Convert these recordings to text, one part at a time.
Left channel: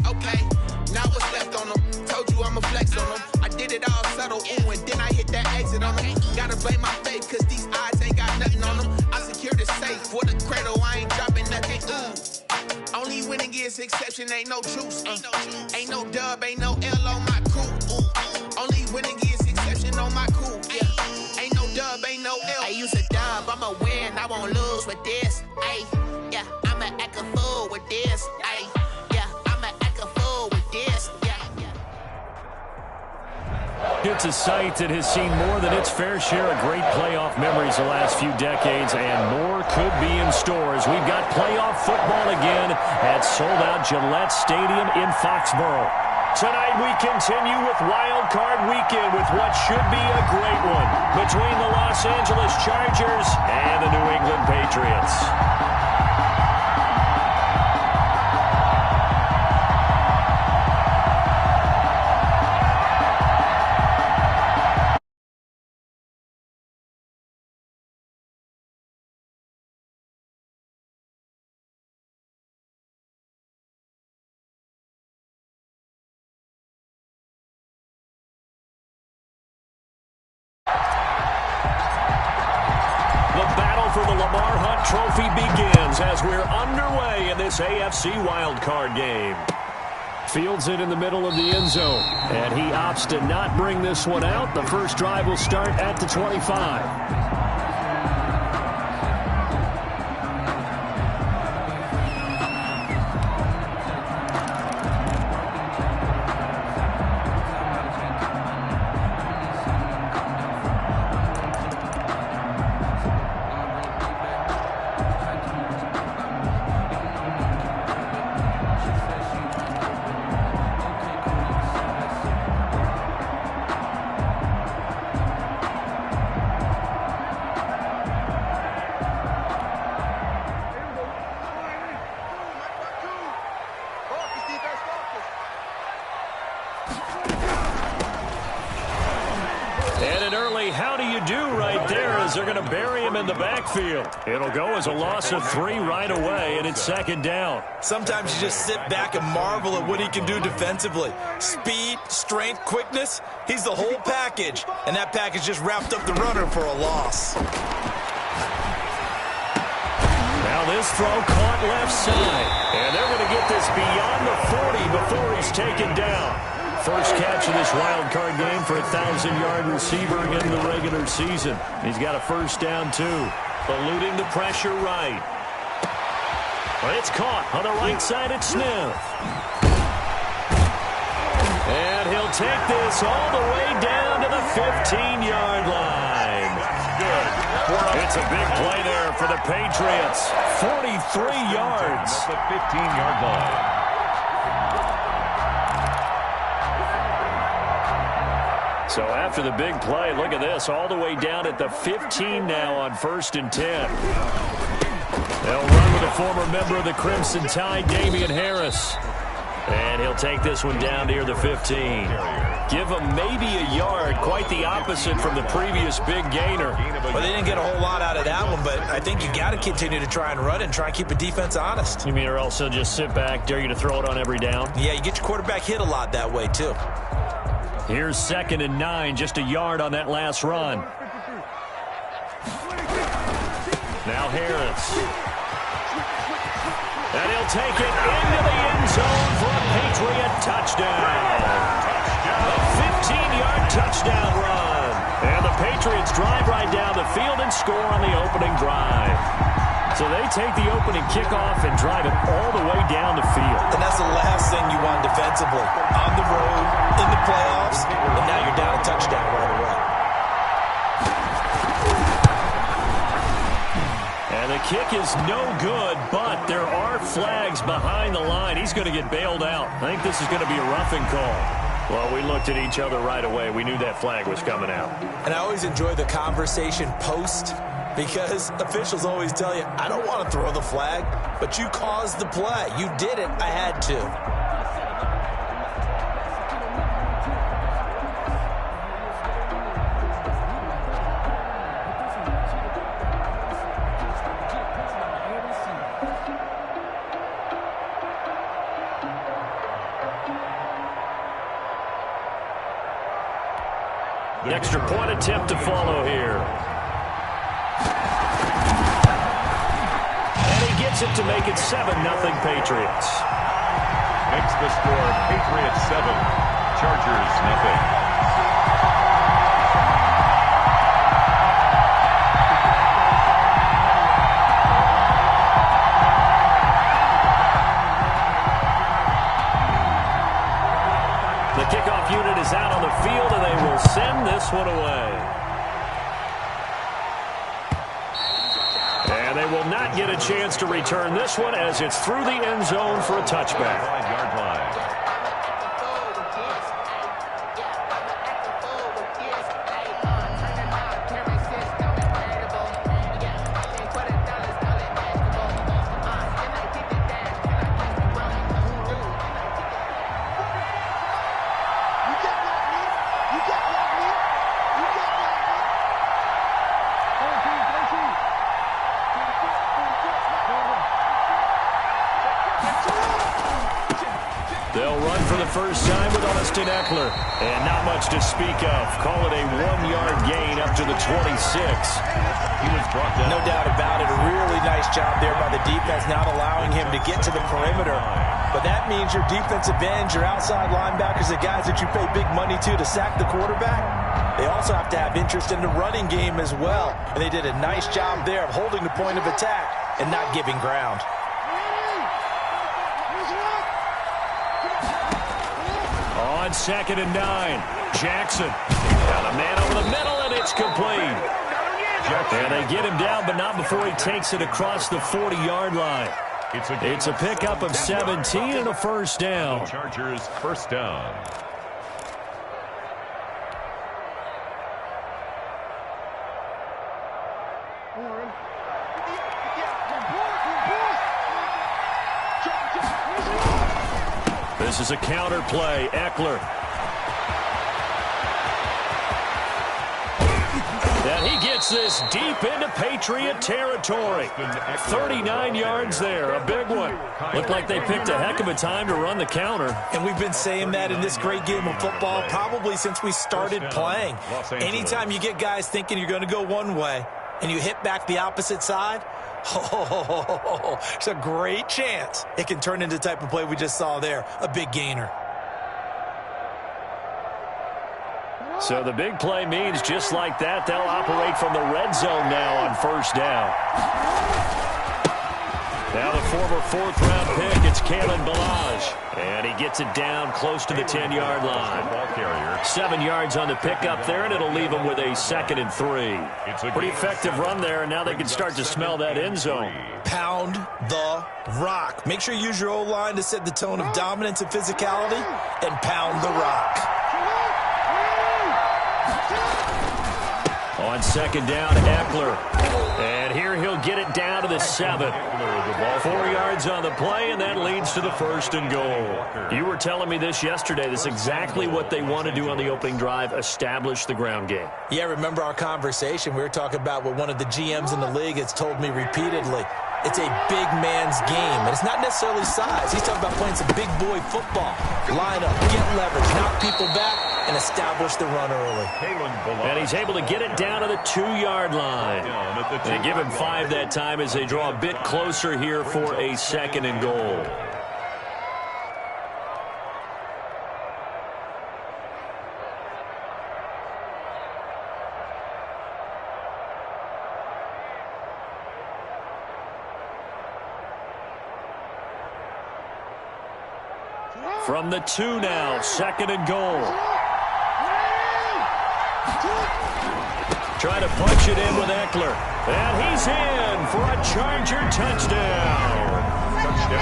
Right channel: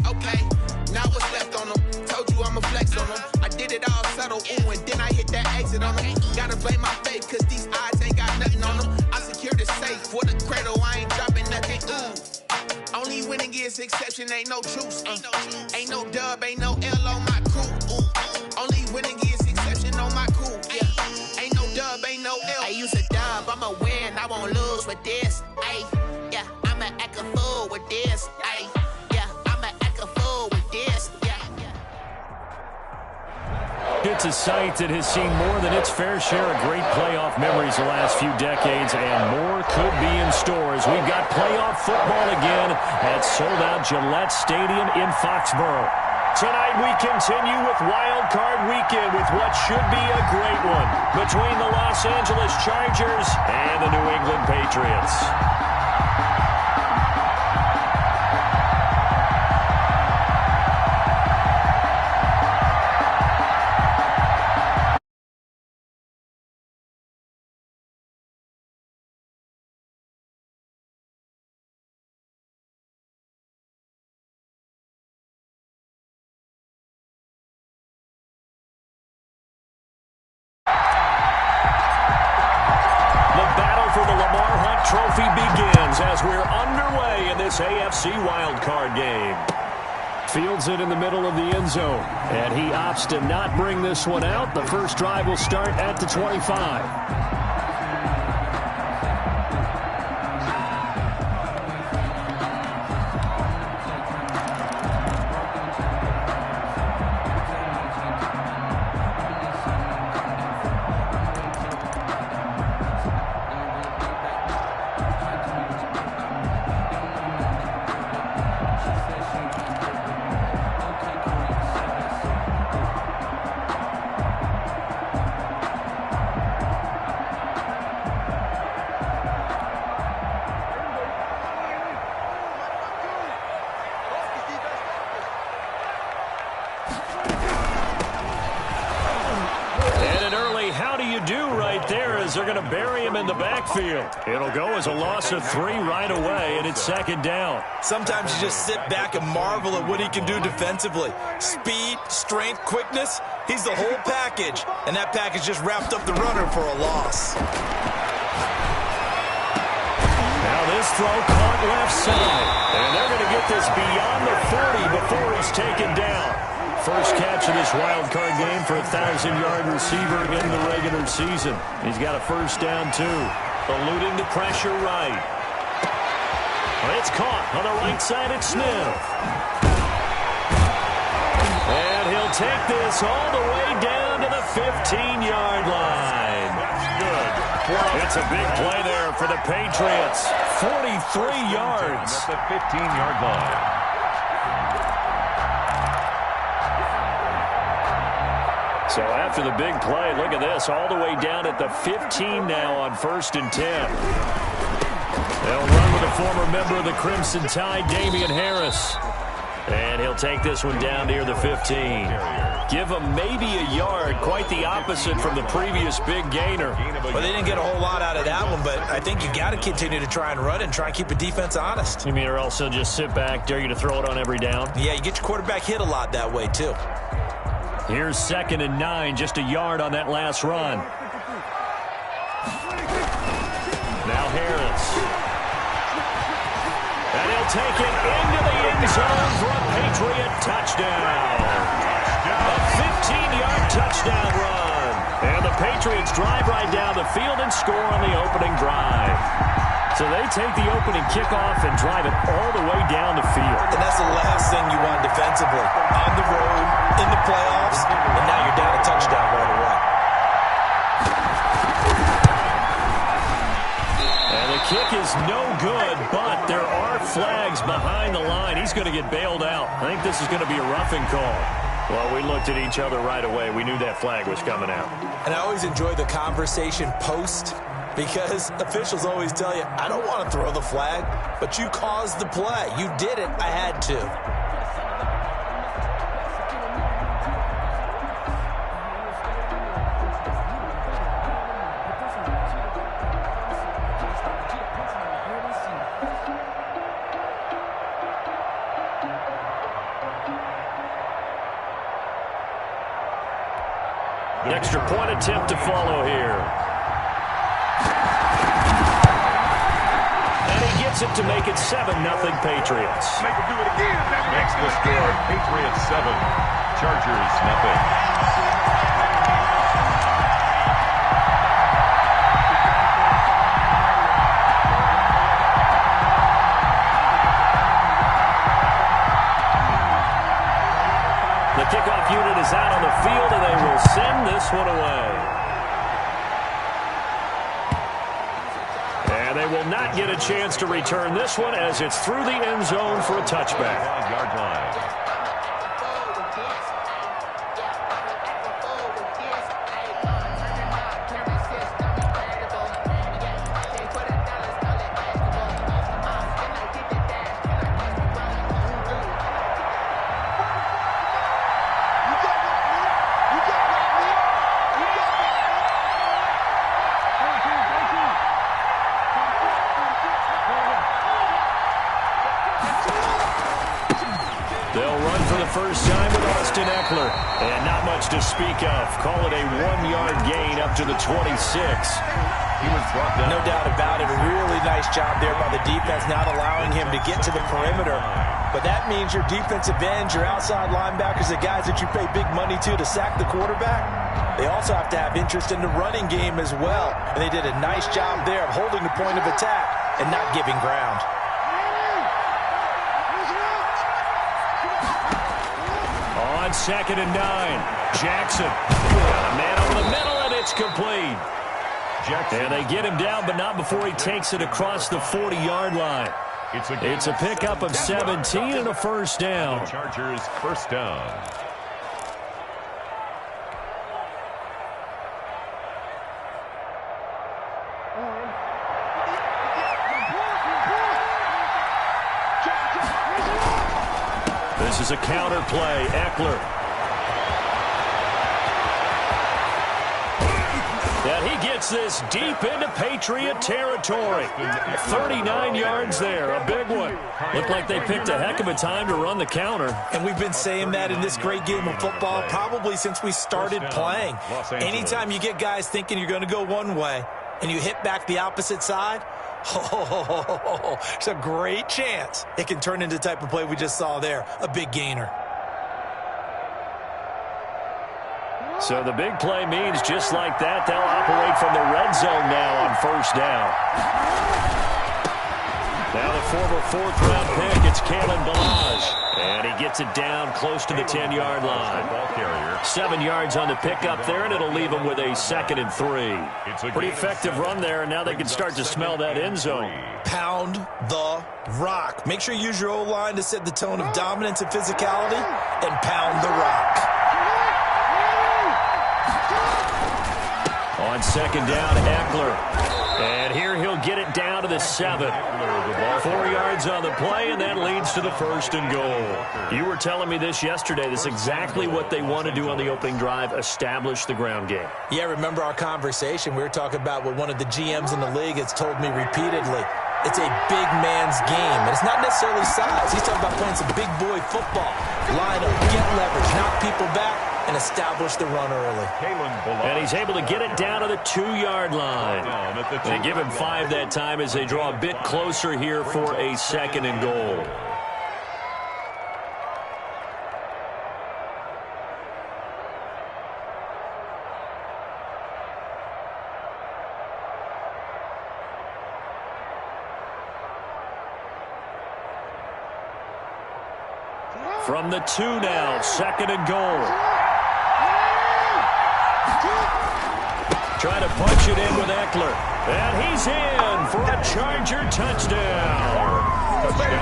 Okay, now what's left on them? Told you I'ma flex on them. I did it all subtle, ooh, and then I hit that exit on them. Gotta blame my faith, cause these eyes ain't got nothing on them. I secured the safe for the cradle, I ain't dropping nothing, ooh. Only winning is exception, ain't no truce. Ain't no dub, ain't no L on my crew. Only winning is exception on my crew. Yeah. Ain't no dub, ain't no L. I use a dub, I'ma win, I won't lose with this. Ay, yeah, I'ma act a fool with this. Ay, yeah, I'ma act a fool with this. It's a site that has seen more than its fair share of great playoff memories the last few decades, and more could be in store as we've got playoff football again at sold-out Gillette Stadium in Foxborough. Tonight we continue with Wild Card Weekend with what should be a great one between the Los Angeles Chargers and the New England Patriots. For the Lamar Hunt Trophy begins as we're underway in this AFC wildcard game. Fields it in the middle of the end zone, and he opts to not bring this one out. The first drive will start at the 25. How do you do right there as they're going to bury him in the backfield. It'll go as a loss of 3 right away, and it's second down. Sometimes you just sit back and marvel at what he can do defensively. Speed, strength, quickness, he's the whole package. And that package just wrapped up the runner for a loss. Now this throw caught left side. And they're going to get this beyond the 40 before he's taken down. First catch of this wild card game for a 1,000-yard receiver in the regular season. He's got a first down, too. Eluding the pressure right. It's caught on the right side at Smith. And he'll take this all the way down to the 15-yard line. That's good. It's a big play there for the Patriots. 43 yards. At the 15-yard line. So after the big play, look at this, all the way down at the 15 now on 1st and 10. They'll run with a former member of the Crimson Tide, Damian Harris. And he'll take this one down near the 15. Give him maybe a yard, quite the opposite from the previous big gainer. Well, they didn't get a whole lot out of that one, but I think you got to continue to try and run it and try and keep the defense honest. You mean or else he'll just sit back, dare you to throw it on every down? Yeah, you get your quarterback hit a lot that way, too. Here's 2nd and 9, just a yard on that last run. Now Harris. And he'll take it into the end zone for a Patriot touchdown. A 15-yard touchdown run. And the Patriots drive right down the field and score on the opening drive. So they take the opening kickoff and drive it all the way down the field. And that's the last thing you want defensively. On the road, in the playoffs, and now you're down a touchdown right away. And the kick is no good, but there are flags behind the line. He's going to get bailed out. I think this is going to be a roughing call. Well, we looked at each other right away. We knew that flag was coming out. And I always enjoy the conversation post, because officials always tell you, I don't want to throw the flag, but you caused the play. You did it. I had to. Extra point attempt to follow here. And he gets it to make it 7-0 Patriots. Makes the score Patriots 7, Chargers 0. The kickoff unit is out on the field, and they will send this one away. And they will not get a chance to return this one as it's through the end zone for a touchback. 5-yard line. They'll run for the first time with Austin Eckler. And not much to speak of. Call it a 1-yard gain up to the 26. He was brought down. No doubt about it. A really nice job there by the defense, not allowing him to get to the perimeter. But that means your defensive ends, your outside linebackers, the guys that you pay big money to sack the quarterback, they also have to have interest in the running game as well. And they did a nice job there of holding the point of attack and not giving ground. On 2nd and 9, Jackson got a man over the middle, and it's complete. And they get him down, but not before he takes it across the 40-yard line. It's a pickup of 17 and a first down. Chargers first down. This is a counter play. Eckler. And he gets this deep into Patriot territory. 39 yards there, a big one. Looked like they picked a heck of a time to run the counter. And we've been saying that in this great game of football probably since we started playing. Anytime you get guys thinking you're going to go one way and you hit back the opposite side, it's a great chance it can turn into the type of play we just saw there, a big gainer. So the big play means just like that, they'll operate from the red zone now on first down. Now the former 4th-round pick, it's Kalen Ballage. And he gets it down close to the 10-yard line. 7 yards on the pickup there, and it'll leave him with a 2nd and 3. Pretty effective run there, and now they can start to smell that end zone. Pound the rock. Make sure you use your O-line to set the tone of dominance and physicality, and pound the rock. On 2nd down, Eckler. And here he'll get it down to the 7. 4 yards on the play, and that leads to the 1st and goal. You were telling me this yesterday. This is exactly what they want to do on the opening drive, establish the ground game. Yeah, remember our conversation? We were talking about what one of the GMs in the league has told me repeatedly. It's a big man's game, and it's not necessarily size. He's talking about playing some big boy football. Line up, get leverage, knock people back, and establish the run early. And he's able to get it down to the 2-yard line. They give him 5 that time as they draw a bit closer here for a 2nd and goal. From the 2 now, 2nd and goal. Trying to punch it in with Eckler. And he's in for a Charger touchdown.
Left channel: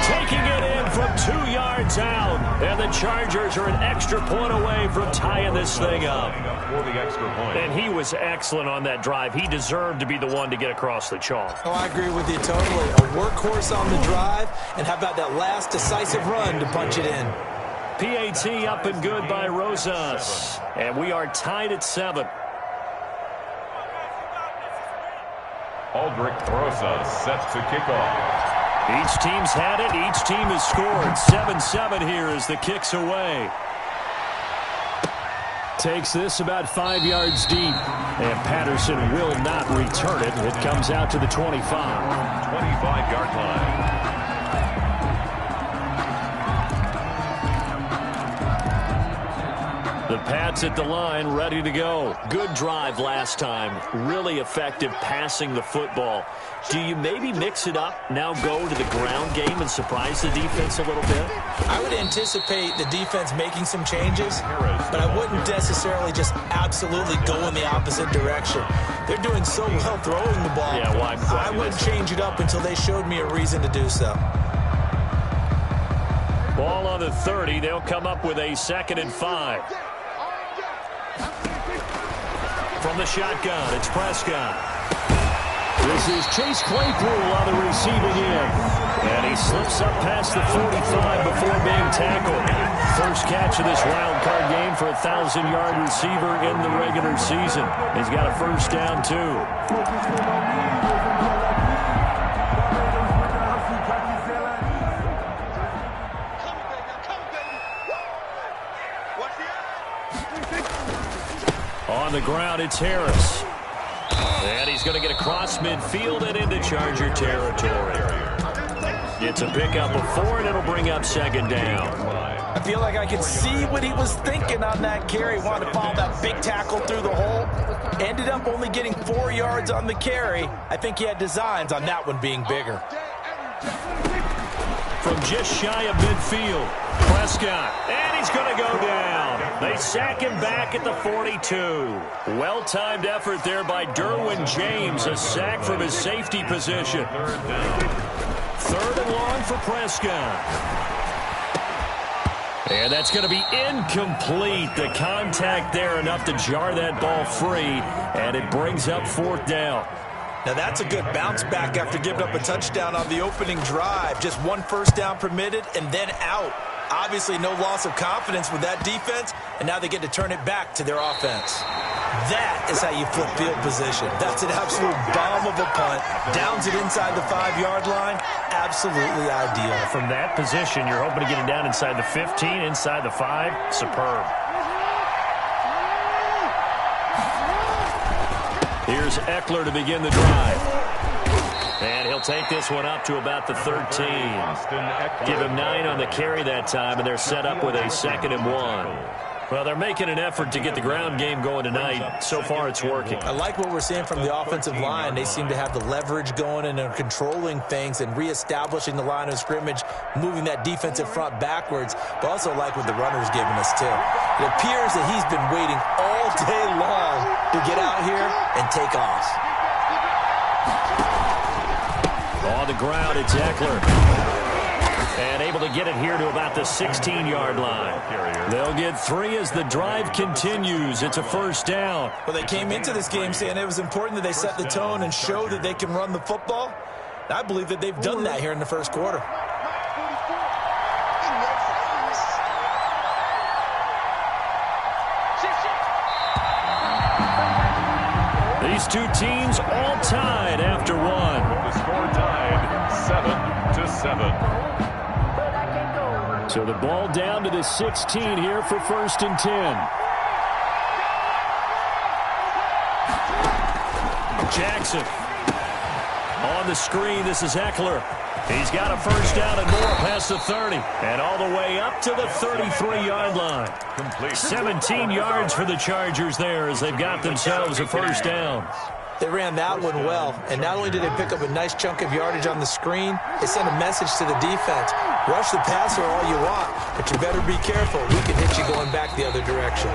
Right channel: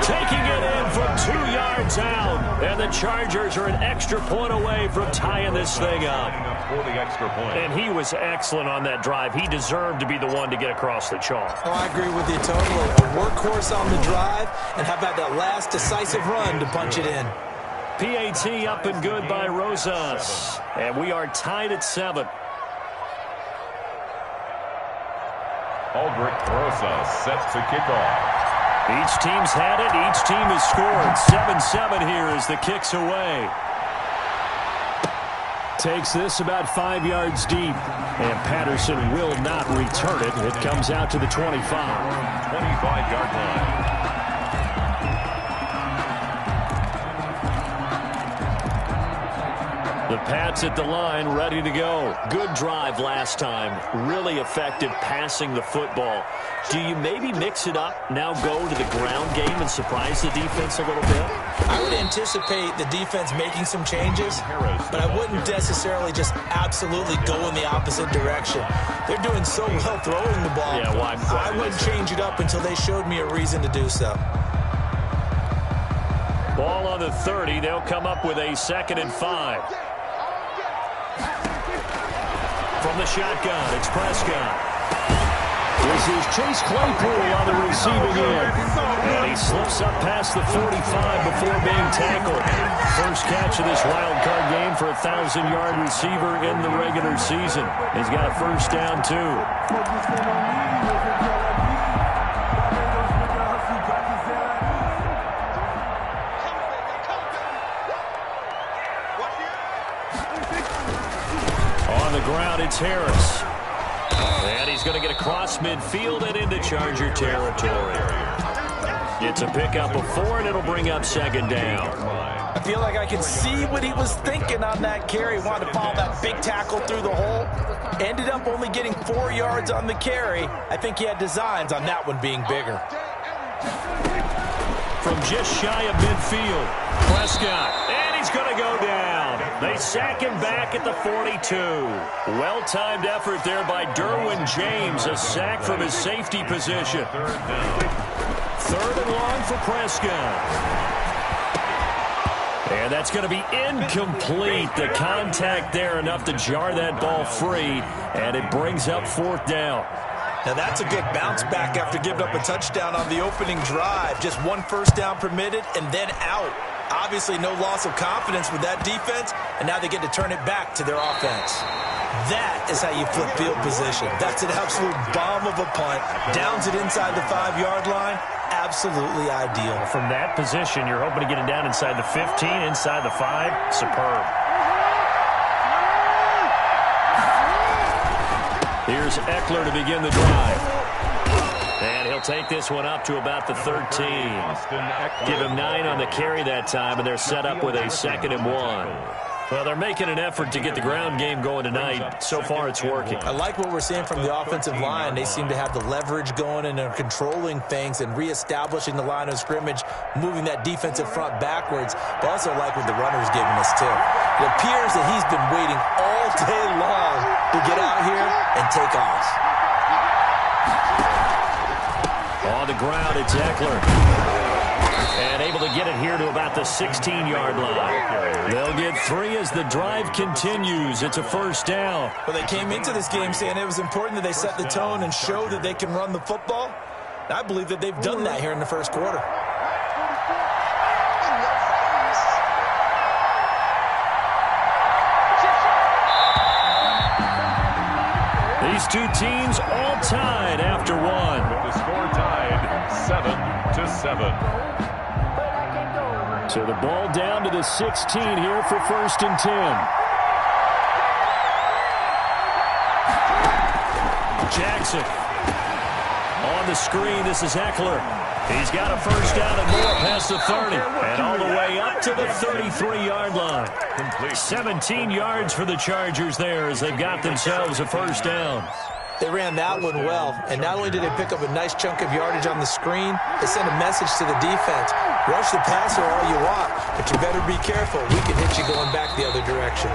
Taking it in from 2 yards out. And the Chargers are an extra point away from tying this thing up. And he was excellent on that drive. He deserved to be the one to get across the chalk. Oh, I agree with you totally. A workhorse on the drive. And how about that last decisive run to punch it in? PAT up and good by Rosas. And we are tied at 7. Aldrich Rosas set to kick off. Each team's had it. Each team has scored. 7-7 here as the kick's away. Takes this about 5 yards deep. And Patterson will not return it. It comes out to the 25. 25-yard line. The Pats at the line, ready to go. Good drive last time. Really effective passing the football. Do you maybe mix it up, now go to the ground game and surprise the defense a little bit? I would anticipate the defense making some changes, but I wouldn't necessarily just absolutely go in the opposite direction. They're doing so well throwing the ball. Yeah, why I wouldn't change it up until they showed me a reason to do so. Ball on the 30. They'll come up with a 2nd and 5. From the shotgun, it's Prescott. This is Chase Claypool on the receiving end. And he slips up past the 45 before being tackled. First catch of this wild card game for a 1,000-yard receiver in the regular season. He's got a first down, too. On the ground, it's Harris. And he's going to get across midfield and into Charger territory. It's a pickup of 4, and it'll bring up 2nd down. I feel like I can see what he was thinking on that carry. Wanted to follow that big tackle through the hole. Ended up only getting 4 yards on the carry. I think he had designs on that one being bigger. From just shy of midfield, Prescott, and he's going to go down. They sack him back at the 42. Well-timed effort there by Derwin James, a sack from his safety position. 3rd and long for Prescott. And that's going to be incomplete. The contact there enough to jar that ball free, and it brings up 4th down. Now that's a good bounce back after giving up a touchdown on the opening drive. Just 1 first down permitted and then out. Obviously no loss of confidence with that defense, and now they get to turn it back to their offense. That is how you flip field position. That's an absolute bomb of a punt. Downs it inside the 5-yard line. Absolutely ideal. From that position, you're hoping to get it down inside the 15, inside the 5. Superb. Here's Eckler to begin the drive. And he'll take this one up to about the 13. Give him 9 on the carry that time, and they're set up with a 2nd and 1. Well, they're making an effort to get the ground game going tonight. So far, it's working. I like what we're seeing from the offensive line. They seem to have the leverage going and are controlling things and reestablishing the line of scrimmage, moving that defensive front backwards, but also like what the runner's giving us, too. It appears that he's been waiting all day long to get out here and take off. On the ground, it's Eckler. And able to get it here to about the 16-yard line. They'll get 3 as the drive continues. It's a first down. Well, they came into this game saying it was important that they set the tone and show that they can run the football. And I believe that they've done that here in the first quarter. These two teams all tied after 1. With the score tied 7-7. So the ball down to the 16 here for 1st and 10. Jackson on the screen. This is Eckler. He's got a first down and more past the 30. And all the way up to the 33-yard line. Complete. 17 yards for the Chargers there as they've got themselves a first down. They ran that one well, and not only did they pick up a nice chunk of yardage on the screen, they sent a message to the defense. Rush the passer all you want, but you better be careful. We can hit you going back the other direction.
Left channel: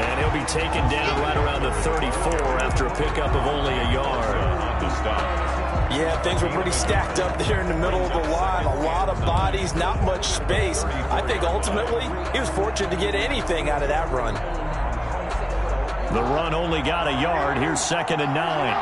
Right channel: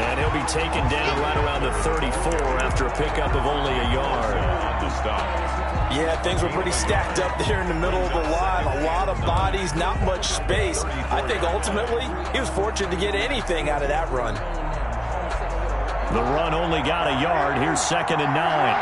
And he'll be taken down right around the 34 after a pickup of only a yard. Yeah, things were pretty stacked up there in the middle of the line. A lot of bodies, not much space. I think ultimately he was fortunate to get anything out of that run. The run only got a yard. Here's 2nd and 9.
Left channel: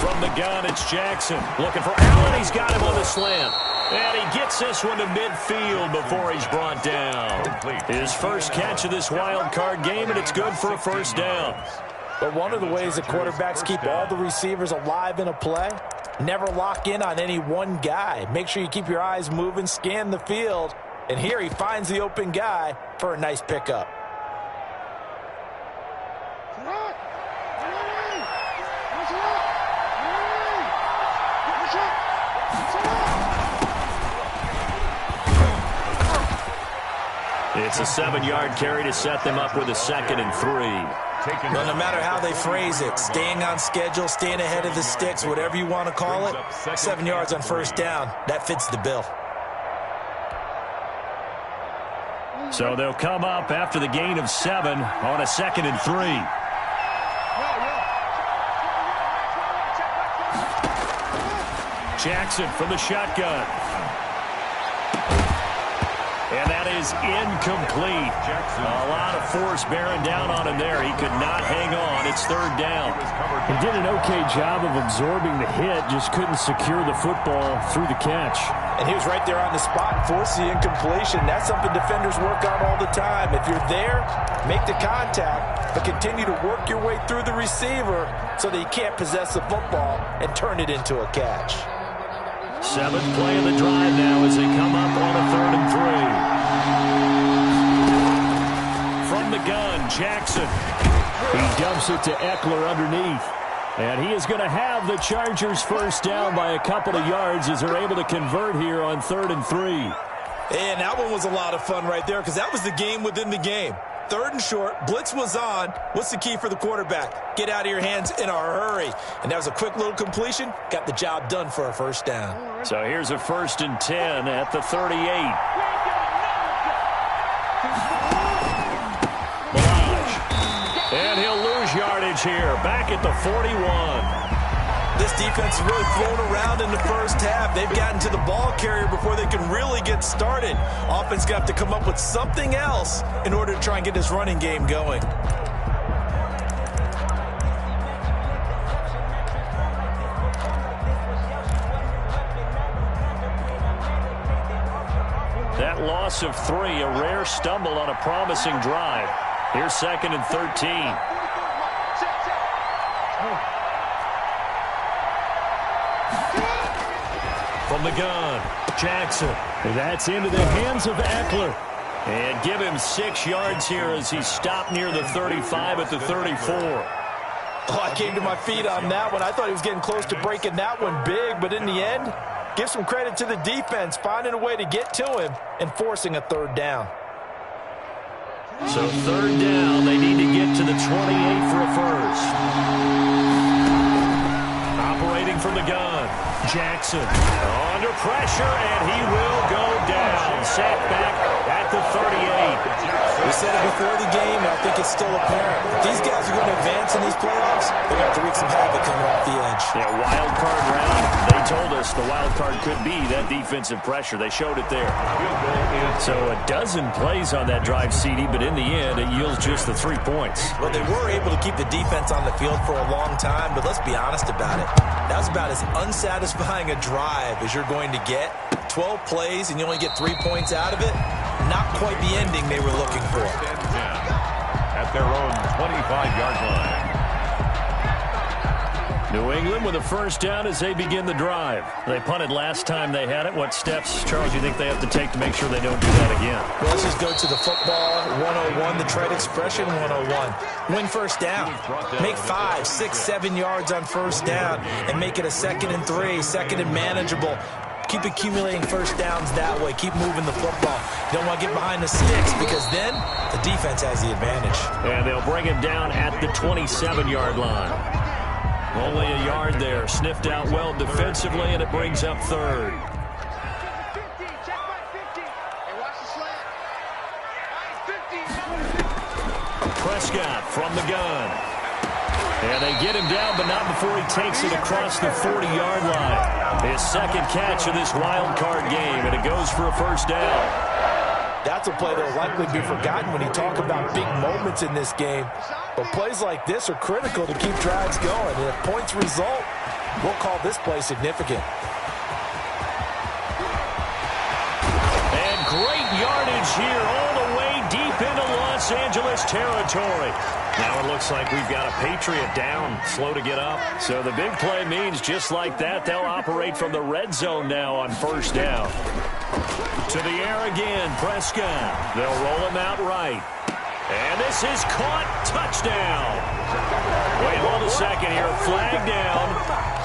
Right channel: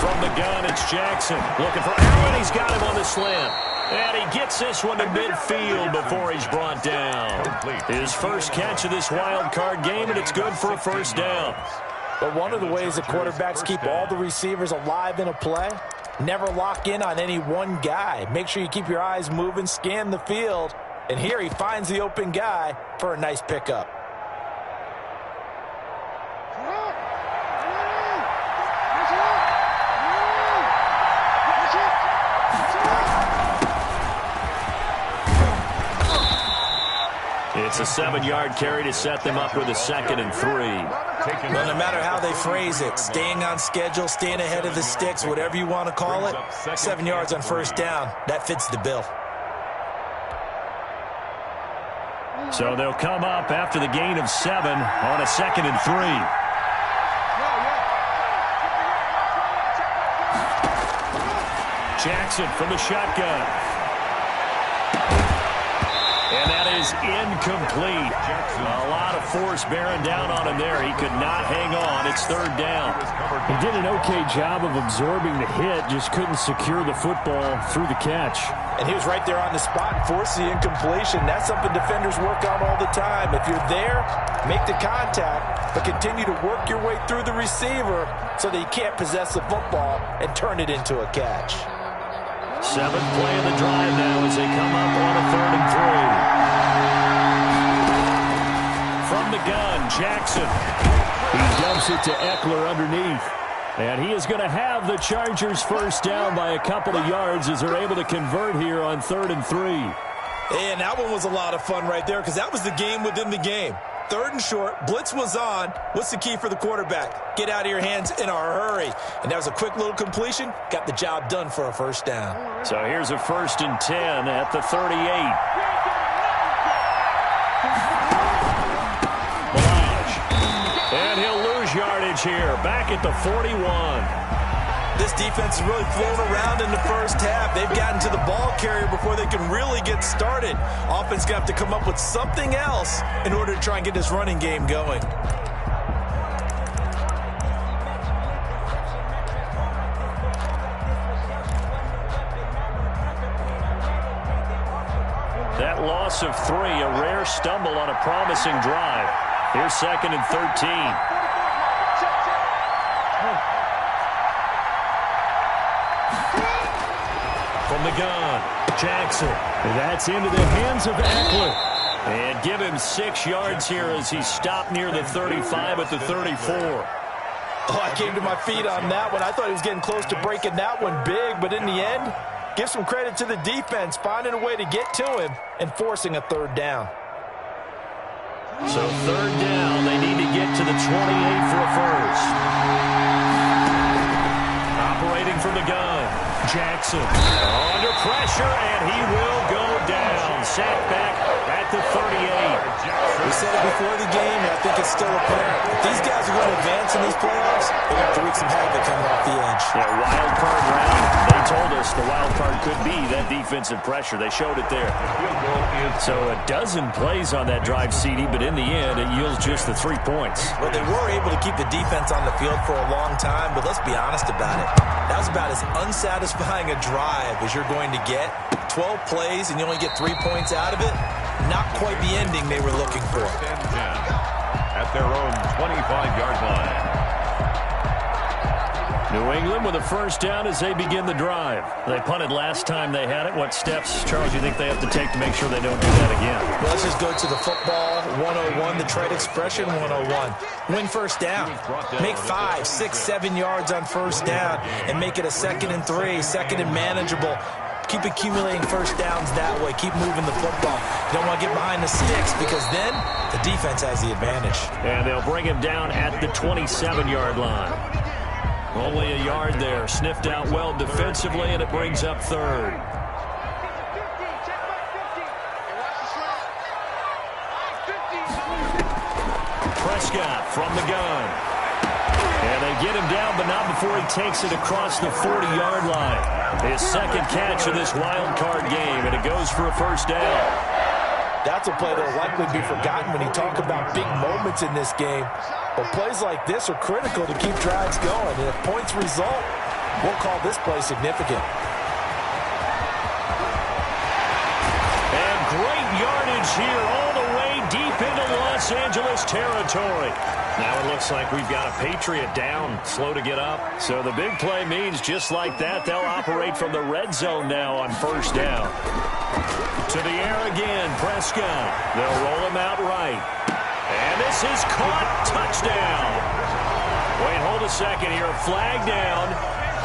From the gun, it's Jackson. Looking for Allen. He's got him on the slant. And he gets this one to midfield before he's brought down. His first catch of this wild card game, and it's good for a first down. But one of the ways that quarterbacks keep all the receivers alive in a play, never lock in on any one guy. Make sure you keep your eyes moving, scan the field. And here he finds the open guy for a nice pickup. It's a 7-yard carry to set them up with a 2nd and 3. Well, no matter how they phrase it, staying on schedule, staying ahead of the sticks, whatever you want to call it, 7 yards on first down, that fits the bill. So they'll come up after the gain of 7 on a 2nd and 3. Jackson from the shotgun. And that is incomplete. A lot of force bearing down on him there. He could not hang on. It's 3rd down. He did an okay job of absorbing the hit, just couldn't secure the football through the catch. And he was right there on the spot and forced the incompletion. That's something defenders work on all the time. If you're there, make the contact, but continue to work your way through the receiver so that you can't possess the football and turn it into a catch. 7th play of the drive now as they come up on a 3rd and 3. From the gun, Jackson. He dumps it to Eckler underneath. And he is going to have the Chargers first down by a couple of yards as they're able to convert here on 3rd and 3. And that one was a lot of fun right there because that was the game within the game. 3rd and short, blitz was on. What's the key for the quarterback? Get out of your hands in a hurry. And that was a quick little completion. Got the job done for a first down. So here's a 1st and 10 at the 38. And he'll lose yardage here. Back at the 41. This defense has really flown around in the first half. They've gotten to the ball carrier before they can really get started. Offense got to come up with something else in order to try and get this running game going. That loss of 3, a rare stumble on a promising drive. Here's 2nd and 13. From the gun, Jackson. And that's into the hands of Eckler. And give him 6 yards here as he stopped near the 35 at the 34. Oh, I came to my feet on that one. I thought he was getting close to breaking that one big, but in the end, give some credit to the defense, finding a way to get to him and forcing a 3rd down. So 3rd down, they need to get to the 28 for a first. Operating from the gun, Jackson under pressure, and he will go down. Sacked back at the 38. We said it before the game, and I think it's still apparent. If these guys are going to advance in these playoffs, they're going to have to wreak some havoc coming off the edge. Yeah, wild card round. They told us the wild card could be that defensive pressure. They showed it there. So a dozen plays on that drive, CD, but in the end, it yields just the 3 points. Well, they were able to keep the defense on the field for a long time, but let's be honest about it. That was about as unsatisfying a drive as you're going to get. 12 plays, and you only get 3 points out of it. Not quite the ending they were looking for. At their own 25-yard line. New England with a first down as they begin the drive. They punted last time they had it. What steps, Charles, do you think they have to take to make sure they don't do that again? Well, let's just go to the football 101, the trade expression 101. Win first down. Make 5, 6, 7 yards on first down and make it a 2nd and 3, 2nd and manageable. Keep accumulating first downs that way. Keep moving the football. You don't want to get behind the sticks because then the defense has the advantage. And they'll bring him down at the 27-yard line. Only a yard there. Sniffed out well defensively, and it brings up 3rd. Prescott from the gun. And they get him down, but not before he takes it across the 40-yard line. His 2nd catch of this wild card game, and it goes for a first down. That's a play that will likely be forgotten when you talk about big moments in this game. But plays like this are critical to keep drives going. And if points result, we'll call this play significant. advantage here all the way deep into Los Angeles territory. Now it looks like we've got a Patriot down, slow to get up. So the big play means just like that, they'll operate from the red zone now on first down. To the air again, Prescott. They'll roll him out right. And this is caught. Touchdown. Wait, hold a second here. Flag down.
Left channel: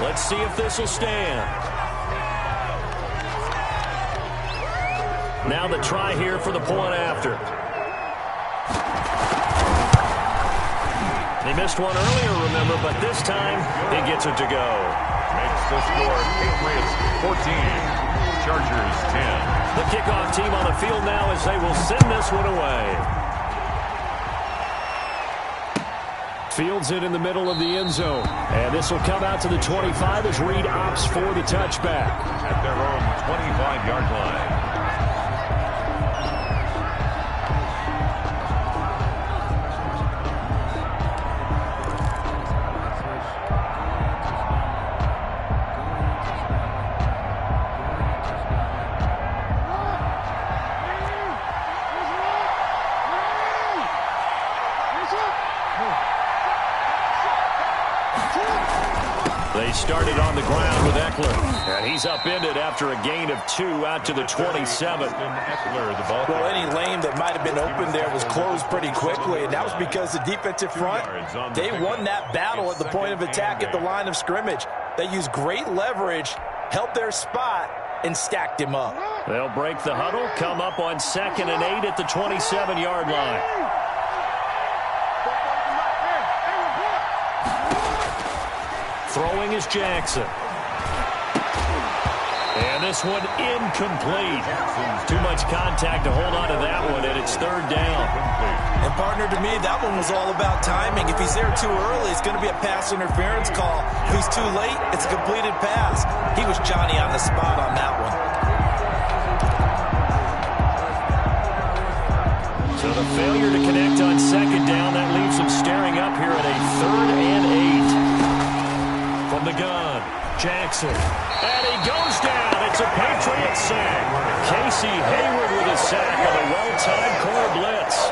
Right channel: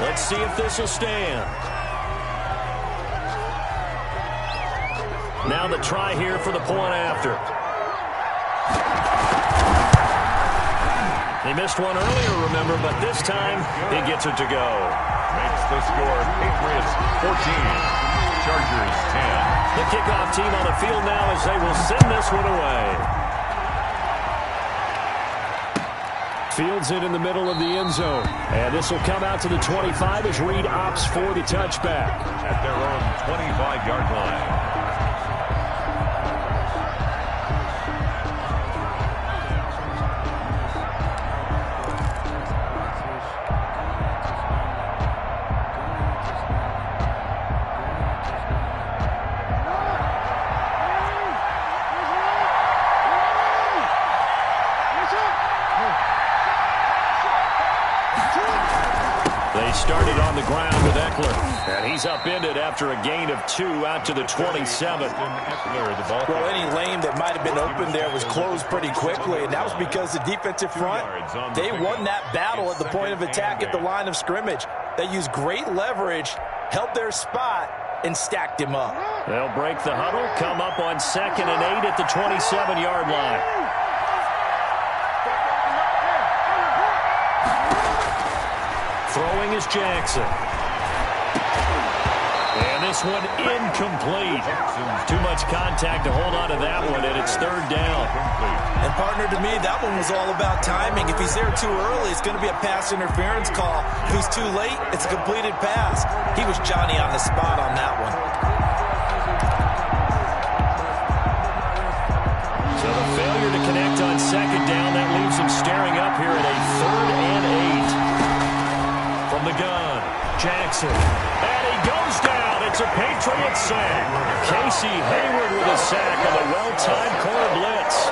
Let's see if this will stand. Now the try here for the point after. They missed one earlier, remember, but this time he gets it to go. Makes the score Patriots 14, Chargers 10. The kickoff team on the field now as they will send this one away. Fields it in the middle of the end zone. And this will come out to the 25 as Reed opts for the touchback. At their own 25-yard line. They started on the ground with Eckler, and he's upended after a gain of 2 out to the 27. Well, any lane that might have been open there was closed pretty quickly, and that was because the defensive front, they won that battle at the point of attack at the line of scrimmage. They used great leverage, held their spot, and stacked him up. They'll break the huddle, come up on 2nd and 8 at the 27-yard line. Throwing is Jackson. And this one incomplete. Too much contact to hold on to that one, and it's 3rd down. And, partner, to me, that one was all about timing. If he's there too early, it's going to be a pass interference call. If he's too late, it's a completed pass. He was Johnny on the spot on that one. So the failure to connect on 2nd down, that leaves them staring up here at a 3rd and 8. From the gun, Jackson. And he goes down. It's a Patriot sack. Casey Hayward with a sack on a well-timed corner blitz.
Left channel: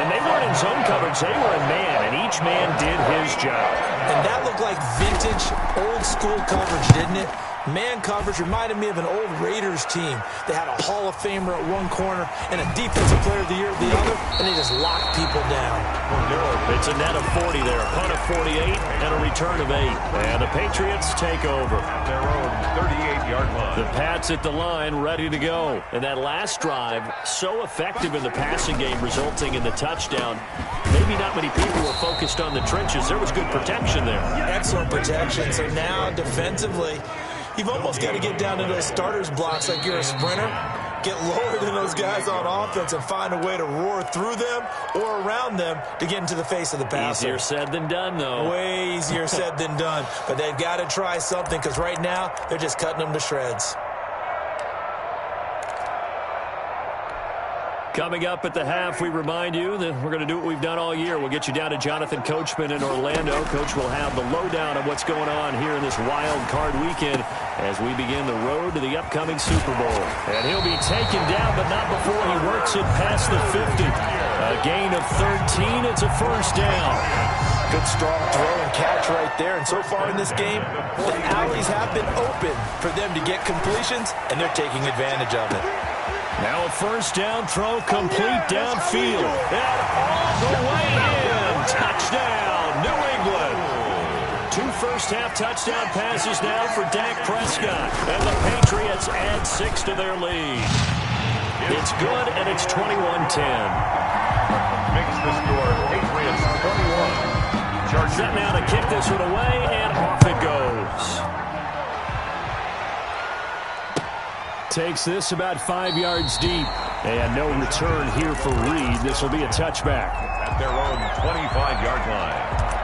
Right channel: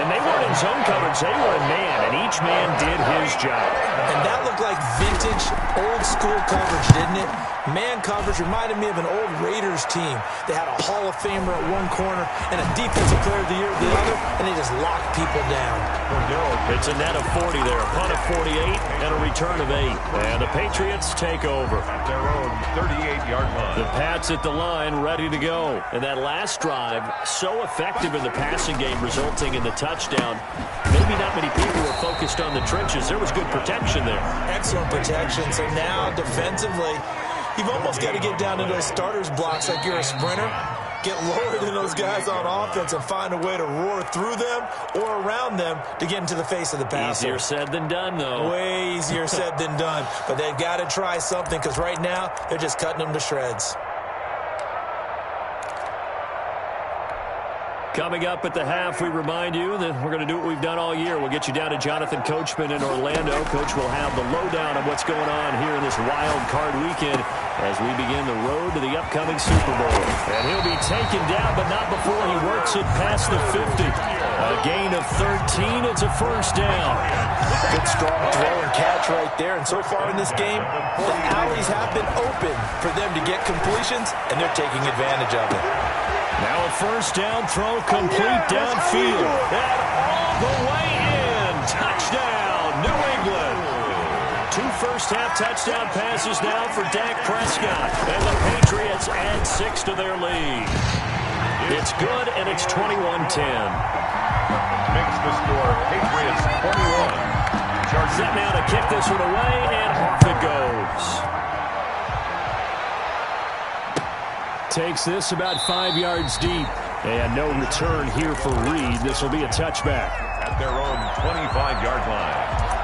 And they weren't in zone coverage. They were in man, and each man did his job. And that looked like vintage, old-school coverage, didn't it? Man coverage reminded me of an old Raiders team. They had a Hall of Famer at one corner and a Defensive Player of the Year at the other, and they just locked people down. It's a net of 40 there, a punt of 48, and a return of 8. And the Patriots take over. At their own 38-yard line. The Pats at the line, ready to go. And that last drive, so effective in the passing game, resulting in the touchdown. Maybe not many people were focused on the trenches. There was good protection there. Excellent protection. So now, defensively, you've almost got to get down to those starters blocks like you're a sprinter. Get lower than those guys on offense and find a way to roar through them or around them to get into the face of the passer. Easier said than done, though. Way easier said than done. But they've got to try something because right now they're just cutting them to shreds. Coming up at the half, we remind you that we're going to do what we've done all year. We'll get you down to Jonathan Coachman in Orlando. Coach will have the lowdown of what's going on here in this wild card weekend as we begin the road to the upcoming Super Bowl. And he'll be taken down, but not before he works it past the 50. A gain of 13. It's a 1st down. Good strong throw and catch right there. And so far in this game, the alleys have been open for them to get completions, and they're taking advantage of it. Now a 1st down throw complete downfield. And all the way in. Touchdown, New England. 2 first-half touchdown passes now for Dak Prescott. And the Patriots add 6 to their lead. It's good, and it's 21-10. Makes the score Patriots 21. Chargers. Set now to kick this one away, and off it goes. Takes this about 5 yards deep. And no return here for Reed. This will be a touchback. At their own 25-yard line.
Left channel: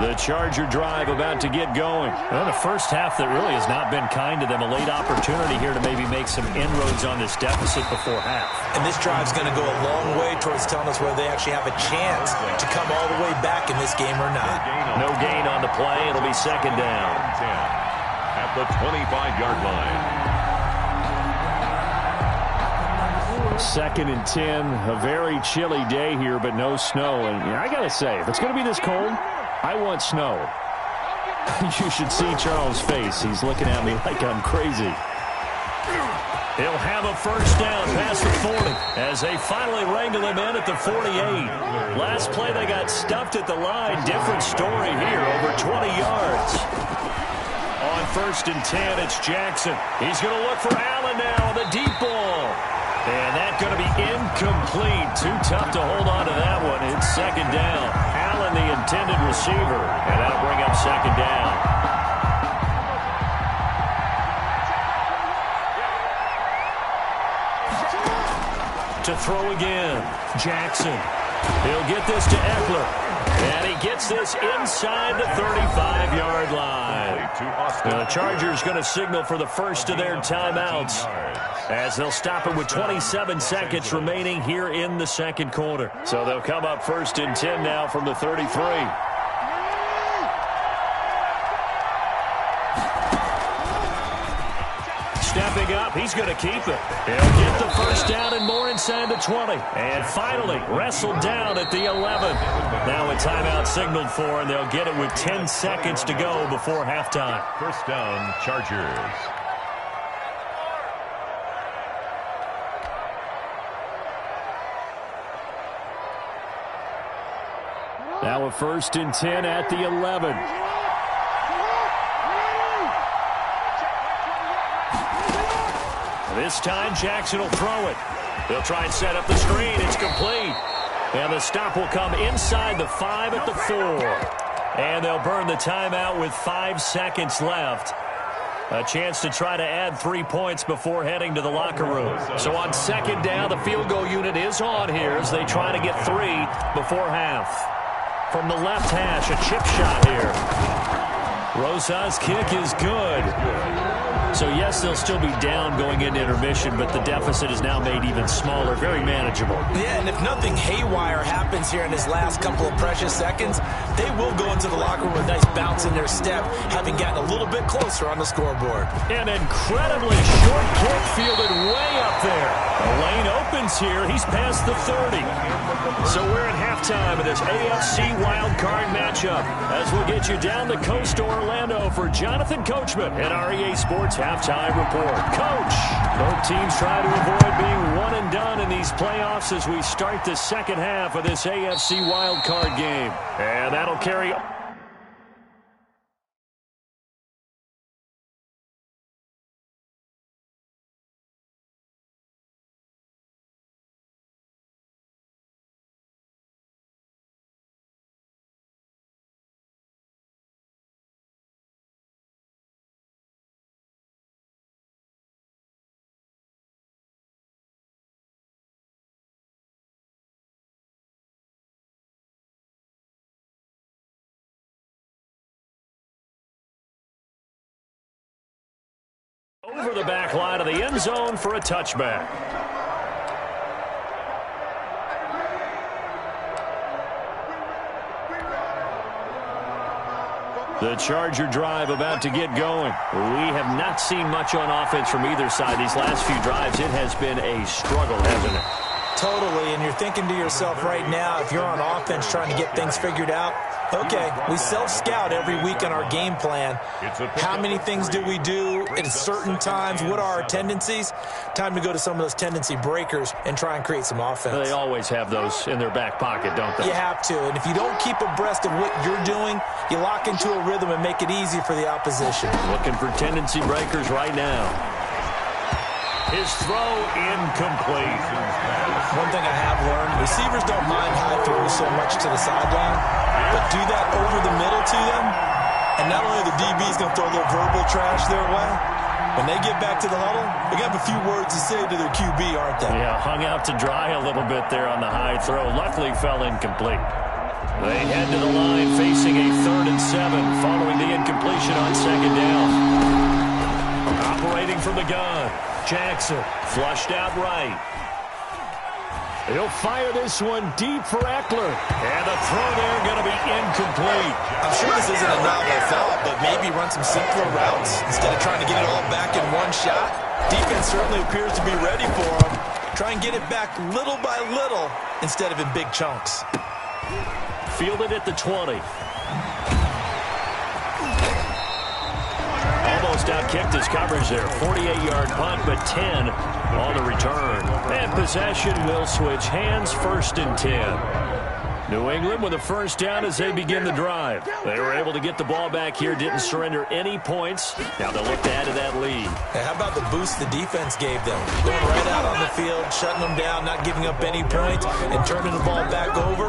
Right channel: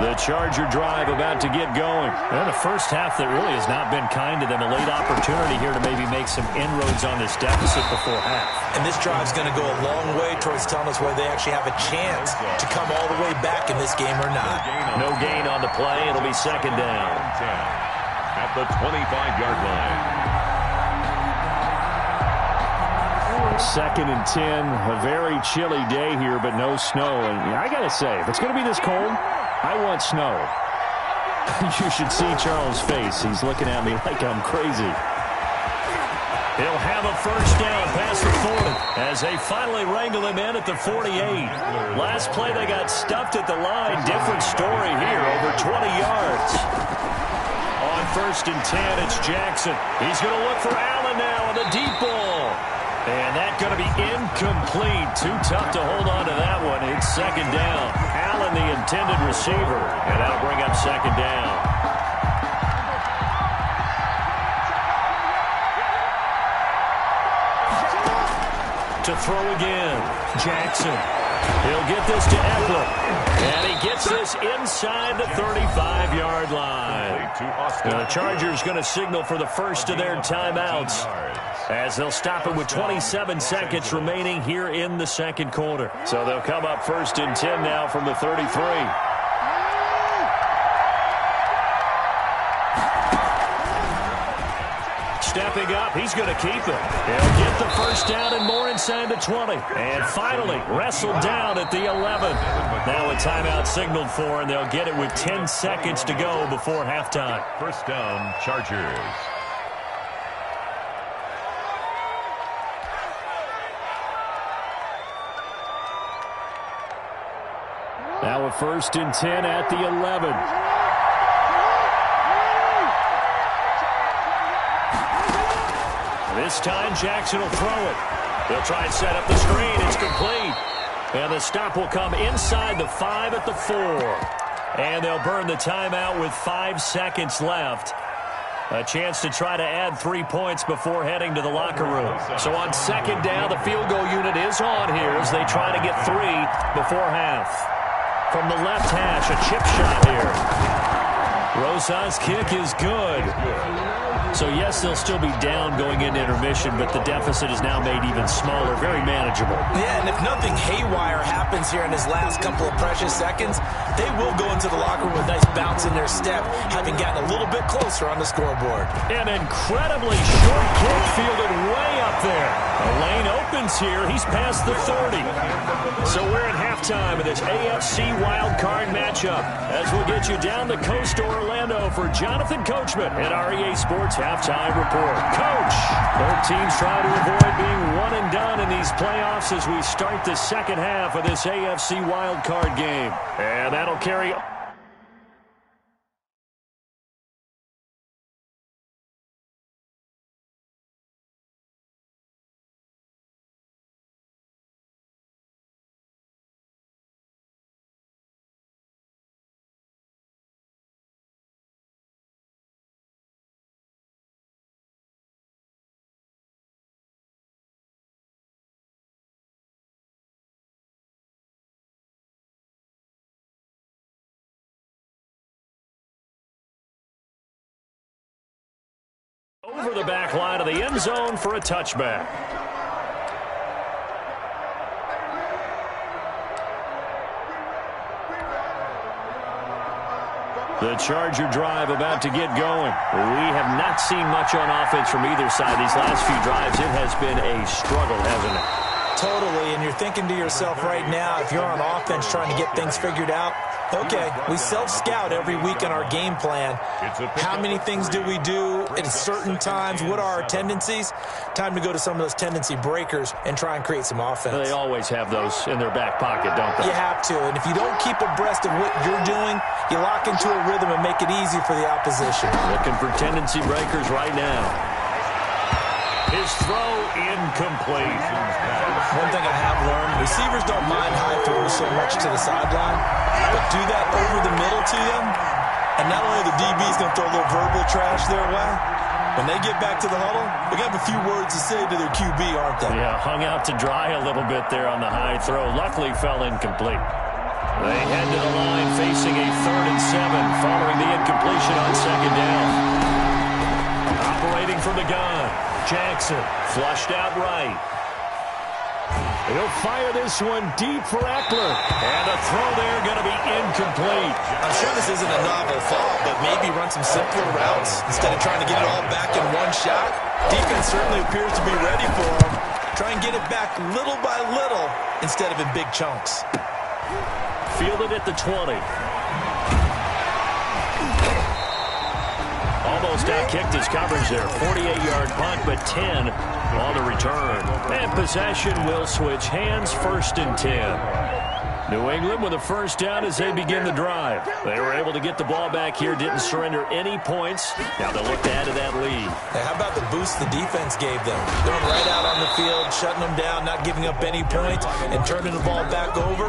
The The Charger drive about to get going. And a first half that really has not been kind to them. A late opportunity here to maybe make some inroads on this deficit before half. And this drive's going to go a long way towards telling us whether they actually have a chance to come all the way back in this game or not. No gain on the play. It'll be second down. 10 at the 25-yard line. Second and 10, a very chilly day here, but no snow. And I got to say, if it's going to be this cold, I want snow. You should see Charles' face. He's looking at me like I'm crazy. He'll have a first down past the 40 as they finally wrangle him in at the 48. Last play they got stuffed at the line. Different story here, over 20 yards. On first and 10, it's Jackson. He's going to look for Allen now on the deep ball. And that's going to be incomplete. Too tough to hold on to that one. It's second down. Allen, the intended receiver. And that'll bring up second down. To throw again. Jackson. He'll get this to Eckler. And he gets this inside the 35-yard line. The Chargers going to signal for the first of their timeouts as they'll stop it with 27 seconds remaining here in the second quarter. So they'll come up first and 10 now from the 33. Stepping up, he's going to keep it. He'll get the first down and more inside the 20. And finally, wrestled down at the 11. Now a timeout signaled for, and they'll get it with 10 seconds to go before halftime. First down, Chargers. Now a first and 10 at the 11. This time, Jackson will throw it. They'll try and set up the screen. It's complete. And the stop will come inside the 5 at the 4. And they'll burn the timeout with 5 seconds left. A chance to try to add 3 points before heading to the locker room. So on second down, the field goal unit is on here as they try to get 3 before half. From the left hash, a chip shot here. Rosa's kick is good. So, yes, they'll still be down going into intermission, but the deficit is now made even smaller, very manageable. Yeah, and if nothing haywire happens here in his last couple of precious seconds, they will go into the locker room with a nice bounce in their step, having gotten a little bit closer on the scoreboard. An incredibly short kick fielded way up there. The lane opens here. He's past the 30. So we're at halftime of this AFC wildcard matchup as we'll get you down the coast to Orlando for Jonathan Coachman at our EA Sports Halftime Report. Coach, both teams try to avoid being one and done in these playoffs as we start the second half of this AFC wildcard game. And that'll carry over the back line of the end zone for a touchback. The Charger drive about to get going. We have not seen much on offense from either side. These last few drives, it has been a struggle, hasn't it? Totally, and you're thinking to yourself right now, if you're on offense trying to get things figured out, okay, we self-scout every week in our game plan. How many things do we do at certain times? What are our tendencies? Time to go to some of those tendency breakers and try and create some offense. They always have those in their back pocket, don't they? You have to, and if you don't keep abreast of what you're doing, you lock into a rhythm and make it easy for the opposition. Looking for tendency breakers right now. His throw incomplete. One thing I have learned, receivers don't mind high throws so much to the sideline, but do that over the middle to them, and not only are the DBs going to throw a little verbal trash their way, when they get back to the huddle, they're going to have a few words to say to their QB, aren't they? Yeah, hung out to dry a little bit there on the high throw. Luckily fell incomplete. They head to the line facing a 3rd and 7 following the incompletion on 2nd down. Operating from the gun, Jackson flushed out right. He'll fire this one deep for Eckler. And the throw there going to be incomplete. I'm sure this isn't a novel thought, but maybe run some simpler routes instead of trying to get it all back in one shot. Defense certainly appears to be ready for him. Try and get it back little by little instead of in big chunks. Fielded at the 20. Almost out-kicked his coverage there. 48-yard punt, but 10 on the return. And possession will switch hands, 1st and 10. New England with a 1st down as they begin the drive. They were able to get the ball back here, didn't surrender any points. Now they'll look to add to that lead. Hey, how about the boost the defense gave them? Going right out on the field, shutting them down, not giving up any points, and turning the ball back over.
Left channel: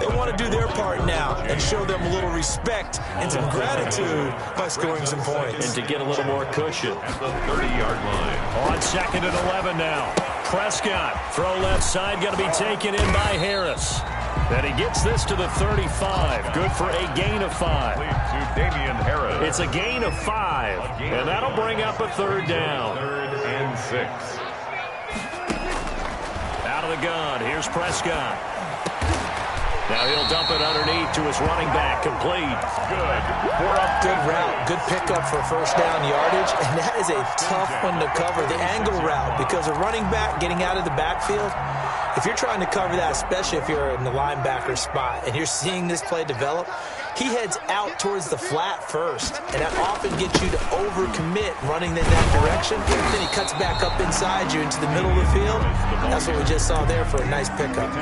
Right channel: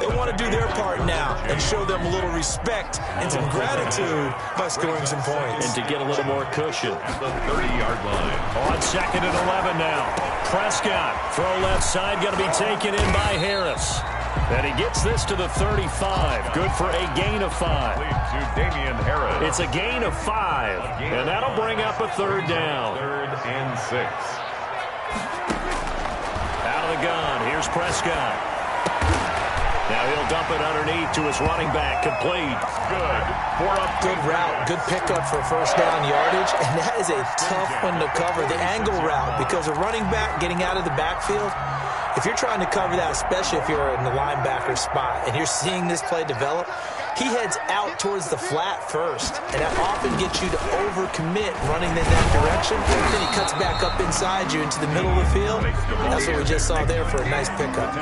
They want to do their part now and show them a little respect and some gratitude by scoring some points. And to get a little more cushion. At the 30-yard line. On 2nd and 11 now. Prescott, throw left side, going to be taken in by Harris. And he gets this to the 35. Good for a gain of 5. To Damian Harris. It's a gain of 5. And that'll bring up a 3rd down. 3rd and 6. Out of the gun. Here's Prescott. Now he'll dump it underneath to his running back. Complete. Good. 4 up. Good route. Good pickup for 1st down yardage. And that is a tough one to cover. The angle route, because a running back getting out of the backfield, if you're trying to cover that, especially if you're in the linebacker spot and you're seeing this play develop, he heads out towards the flat first, and that often gets you to overcommit running in that direction. Then he cuts back up inside you into the middle of the field. That's what we just saw there for a nice pickup.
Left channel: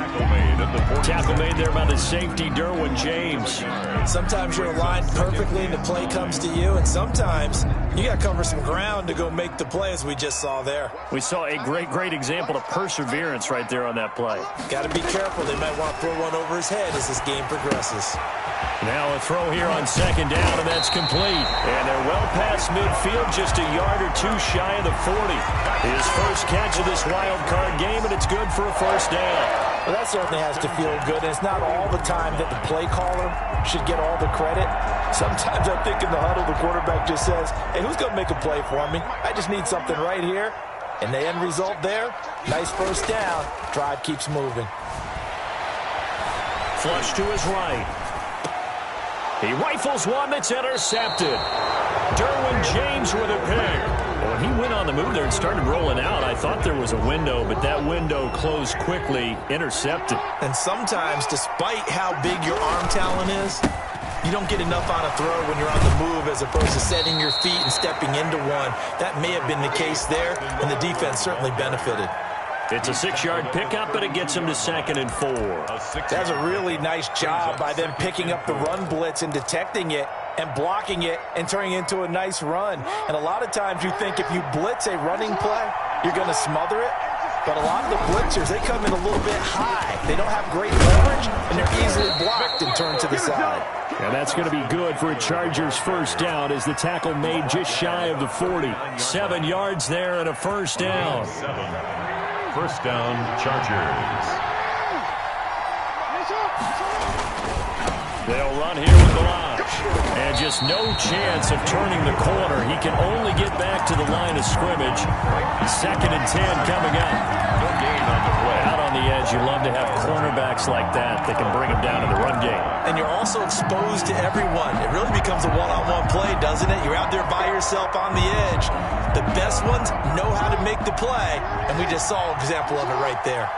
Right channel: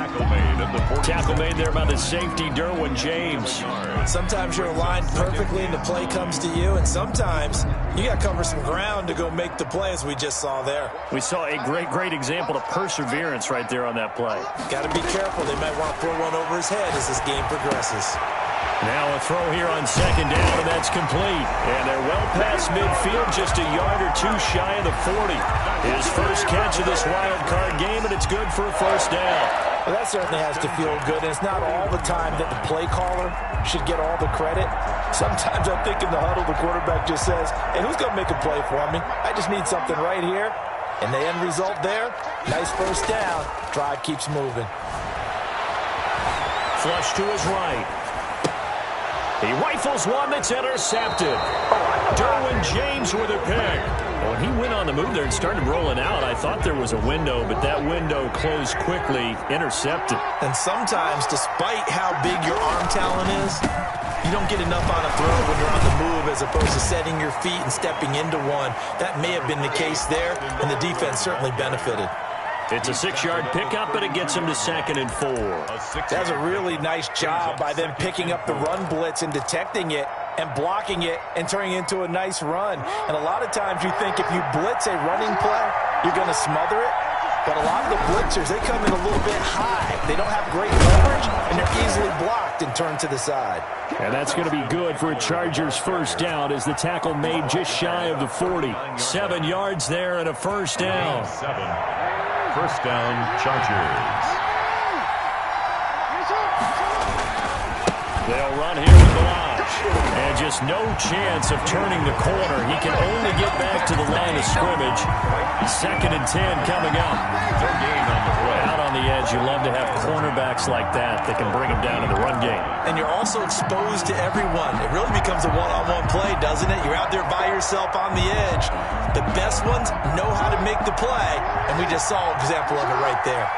Tackle made there by the safety, DunnD1One James. Sometimes you're aligned perfectly and the play comes to you, and sometimes you got to cover some ground to go make the play, as we just saw there. We saw a great example of perseverance right there on that play. Got to be careful. They might want to throw one over his head as this game progresses. Now a throw here on 2nd down, and that's complete. And they're well past midfield, just a yard or 2 shy of the 40. His first catch of this wild card game, and it's good for a 1st down. Well, that certainly has to feel good, and it's not all the time that the play caller should get all the credit. Sometimes I think in the huddle, the quarterback just says, hey, who's going to make a play for me? I just need something right here. And the end result there, nice 1st down. Drive keeps moving. Flush to his right. He rifles one that's intercepted. DunnD1One James with a pick. When he went on the move there and started rolling out, I thought there was a window, but that window closed quickly, intercepted. And sometimes, despite how big your arm talent is, you don't get enough on a throw when you're on the move as opposed to setting your feet and stepping into one. That may have been the case there, and the defense certainly benefited. It's a 6-yard pickup, but it gets him to 2nd and 4. That's a really nice job by them picking up the run blitz and detecting it and blocking it and turning it into a nice run. And a lot of times you think if you blitz a running play, you're going to smother it. But a lot of the blitzers, they come in a little bit high. They don't have great leverage, and they're easily blocked and turned to the side. And that's going to be good for a Chargers 1st down as the tackle made just shy of the 40. 7 yards there and a 1st down. 1st down, Chargers. They'll run here with Balaj. And just no chance of turning the corner. He can only get back to the line of scrimmage. 2nd and 10 coming up. No gain on the play. Out on the edge, you love to have cornerbacks like that can bring him down in the run game. And you're also exposed to everyone. It really becomes a one-on-one play, doesn't it? You're out there by yourself on the edge. The best ones know how to make the play, and we just saw an example of it right there.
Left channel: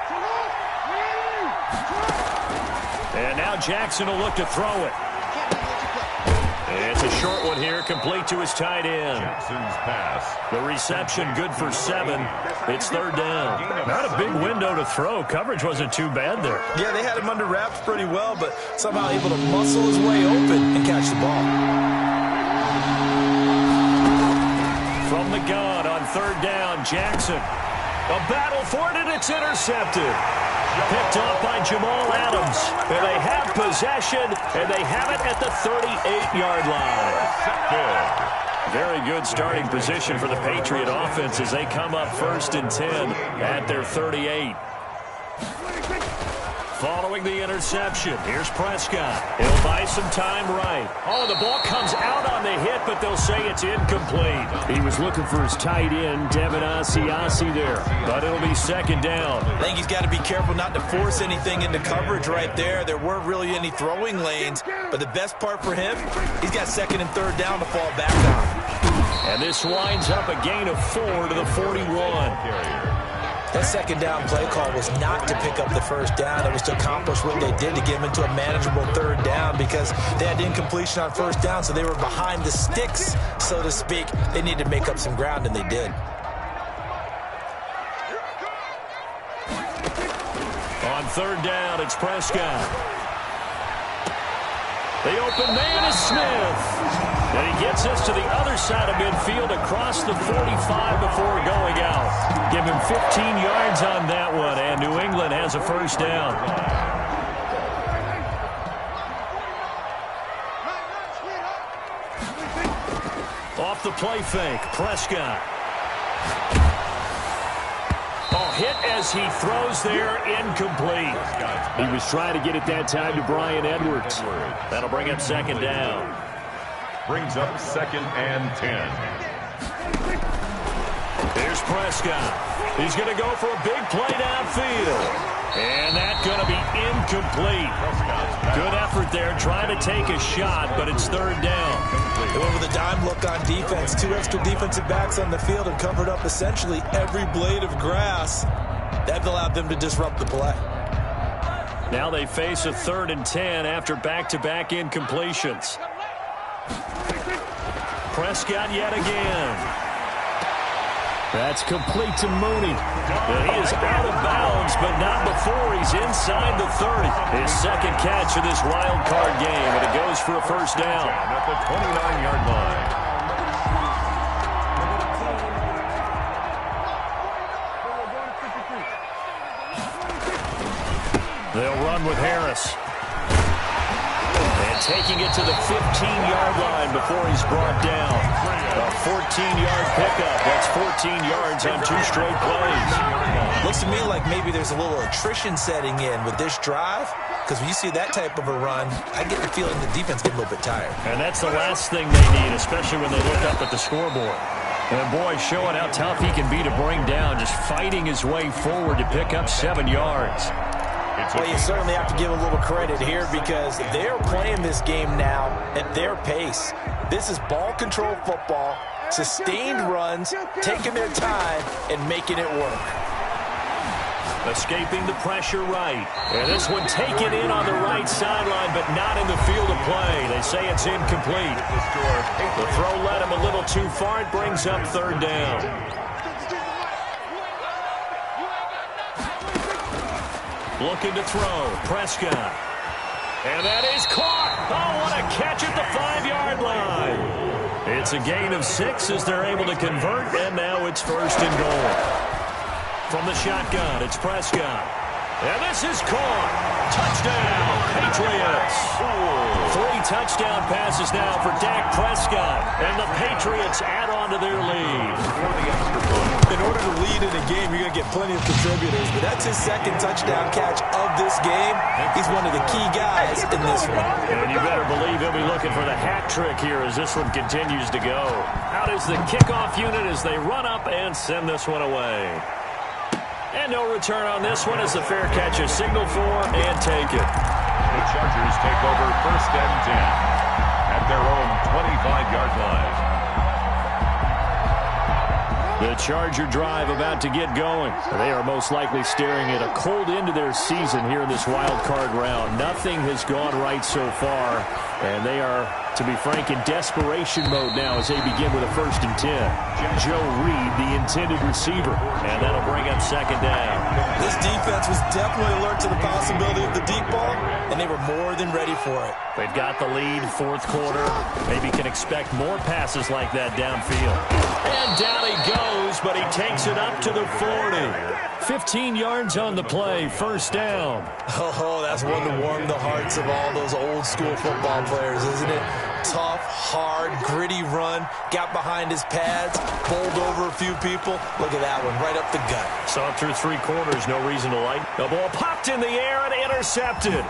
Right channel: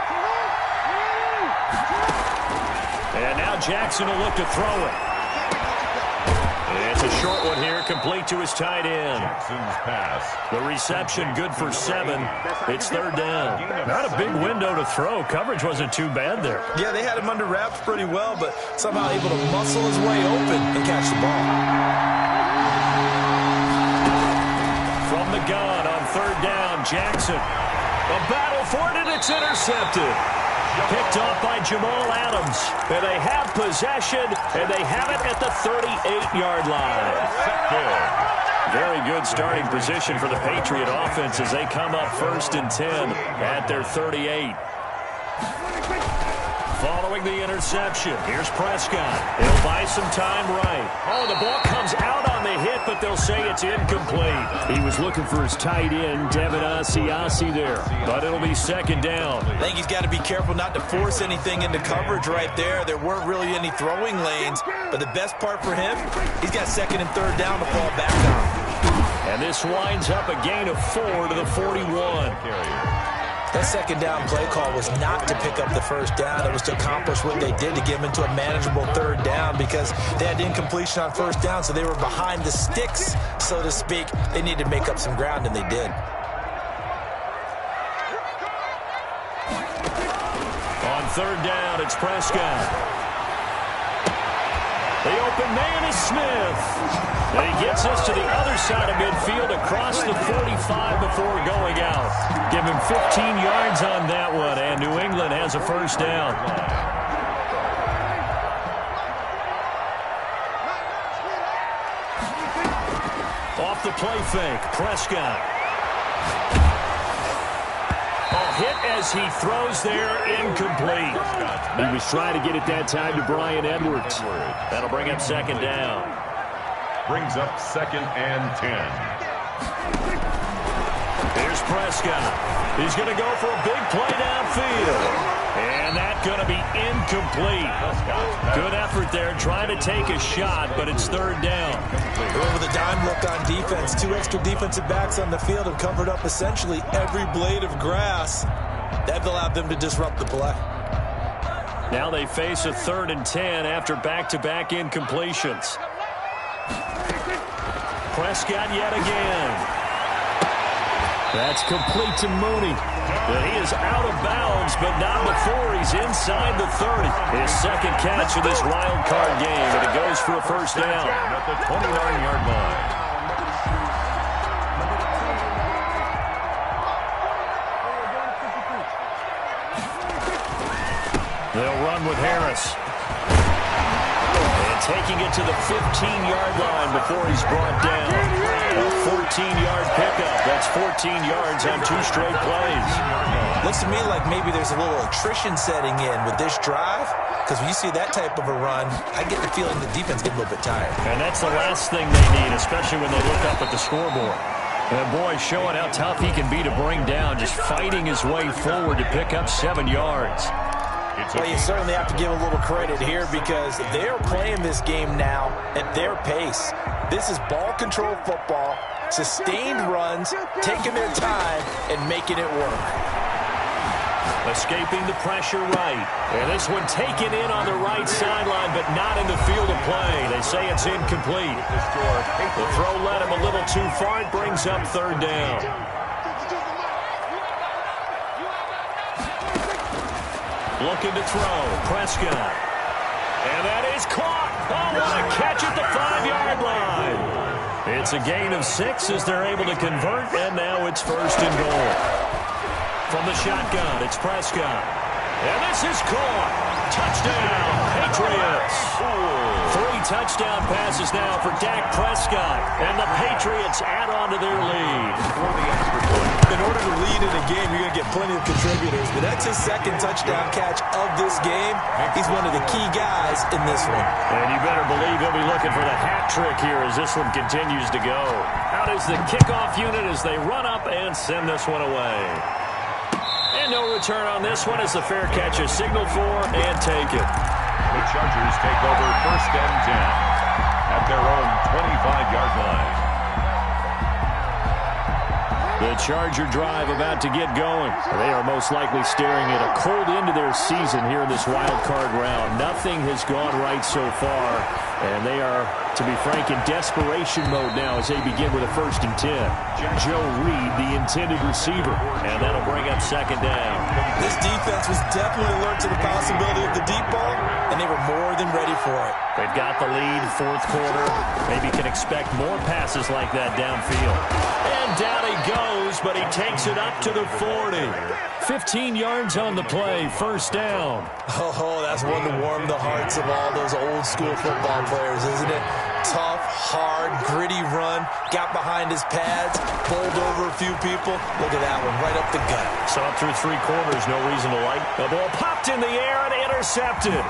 And now Jackson will look to throw it. It's a short one here, complete to his tight end. Jackson's pass. The reception good for 7. It's 3rd down. Not a big window to throw. Coverage wasn't too bad there. Yeah, they had him under wraps pretty well, but somehow able to muscle his way open and catch the ball. From the gun on 3rd down, Jackson. A battle for it, and it's intercepted. Picked off by Jamal Adams. And they have possession, and they have it at the 38-yard line. Very good starting position for the Patriot offense as they come up 1st and 10 at their 38. Following the interception, here's Prescott. He'll buy some time right. Oh, the ball comes out on the hit, but they'll say it's incomplete. He was looking for his tight end, Devin Asiasi there, but it'll be second down. I think he's got to be careful not to force anything into coverage right there. There weren't really any throwing lanes, but the best part for him, he's got second and third down to fall back on. And this winds up a gain of 4 to the 41. That second down play call was not to pick up the first down. It was to accomplish what they did to get them into a manageable third down because they had incompletion on first down, so they were behind the sticks, so to speak. They needed to make up some ground, and they did. On third down, it's Prescott. The open man is Smith. And he gets us to the other side of midfield across the 45 before going out. Give him 15 yards on that one, and New England has a first down. Off the play fake, Prescott. Oh, hit as he throws there, incomplete. He was trying to get it that time to Bryan Edwards. That'll bring up second down. Brings up second and 10. Here's Prescott. He's going to go for a big play downfield. And that's going to be incomplete. Good effort there trying to take a shot, but it's third down. They went with a dime look on defense. 2 extra defensive backs on the field and covered up essentially every blade of grass. That allowed them to disrupt the play. Now they face a 3rd and 10 after back-to-back incompletions. Prescott yet again. That's complete to Mooney. He is out of bounds, but not before he's inside the 30. His second catch of this wild card game, and it goes for a first down. At the 29-yard line. They'll run with Harris. And taking it to the 15-yard line before he's brought down. A 14-yard pickup. That's 14 yards on 2 straight plays. Looks to me like maybe there's a little attrition setting in with this drive, because when you see that type of a run, I get the feeling the defense gets a little bit tired. And that's the last thing they need, especially when they look up at the scoreboard. And boy, showing how tough he can be to bring down, just fighting his way forward to pick up 7 yards. Well, you certainly have to give a little credit here because they're playing this game now at their pace. This is ball control football, sustained runs, taking their time, and making it work. Escaping the pressure right. And this one taken in on the right sideline, but not in the field of play. They say it's incomplete. The throw led him a little too far. It brings up third down. Looking to throw, Prescott. And that is caught. Oh, what a catch at the 5-yard line. It's a gain of 6 as they're able to convert, and now it's first and goal. From the shotgun, it's Prescott. And this is caught. Touchdown, Patriots. 3 touchdown passes now for Dak Prescott. And the Patriots add on to their lead. In order to lead in a game, you're going to get plenty of contributors. But that's his second touchdown catch of this game. He's one of the key guys in this one. And you better believe he'll be looking for the hat trick here as this one continues to go. Out is the kickoff unit as they run up and send this one away. And no return on this one as the fair catch is signaled for and taken. The Chargers take over first and 10 at their own 25-yard line. The Charger drive about to get going. They are most likely staring at a cold end to their season here in this wild card round. Nothing has gone right so far, and they are, to be frank, in desperation mode now as they begin with a first and 10. Joe Reed, the intended receiver, and that'll bring up second down. This defense was definitely alert to the possibility of the deep ball, and they were more than ready for it. They've got the lead, 4th quarter. Maybe can expect more passes like that downfield. And down he goes, but he takes it up to the 40. 15 yards on the play, first down. Oh, that's one to warm the hearts of all those old school football players, isn't it? tough, hard, gritty run. Got behind his pads, bowled over a few people. Look at that one, right up the gut. Saw it through 3 quarters, no reason to light. The ball popped in the air and intercepted.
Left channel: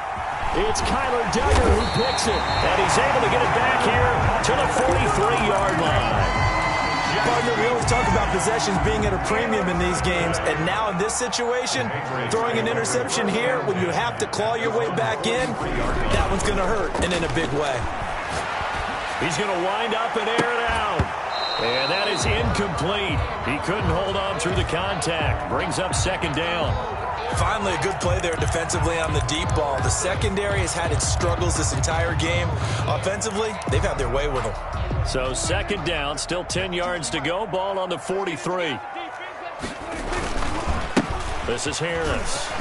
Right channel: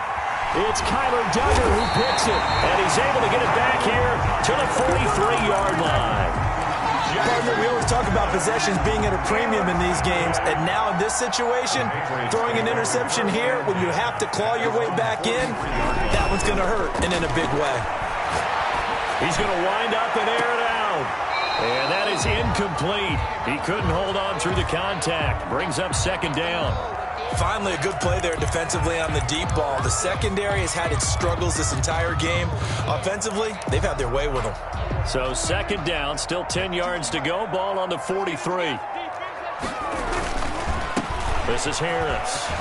It's Kyler Duggar who picks it, and he's able to get it back here to the 43-yard line. Partner, we always talk about possessions being at a premium in these games, and now in this situation, throwing an interception here when you have to claw your way back in, that one's going to hurt, and in a big way. He's going to wind up and air it out. And that is incomplete. He couldn't hold on through the contact. Brings up 2nd down. Finally, a good play there defensively on the deep ball. The secondary has had its struggles this entire game. Offensively, they've had their way with them. So 2nd down, still 10 yards to go. Ball on the 43. This is Harris.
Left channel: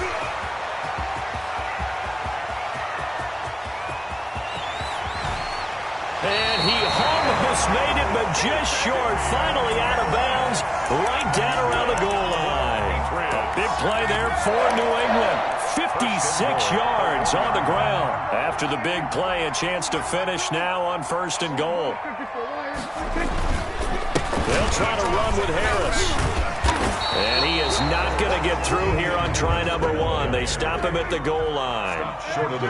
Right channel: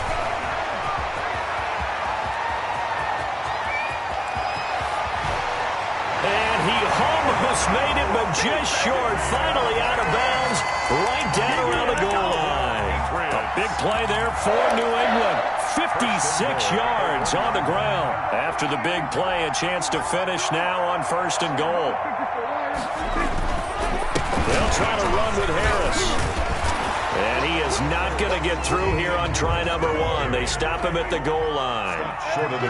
And he almost made it, but just short. Finally out of bounds, right down around the goal line. A big play there for New England. 56 yards on the ground. After the big play, a chance to finish now on 1st and goal. They'll try to run with Harris. And he is not going to get through here on try number 1. They stop him at the goal line.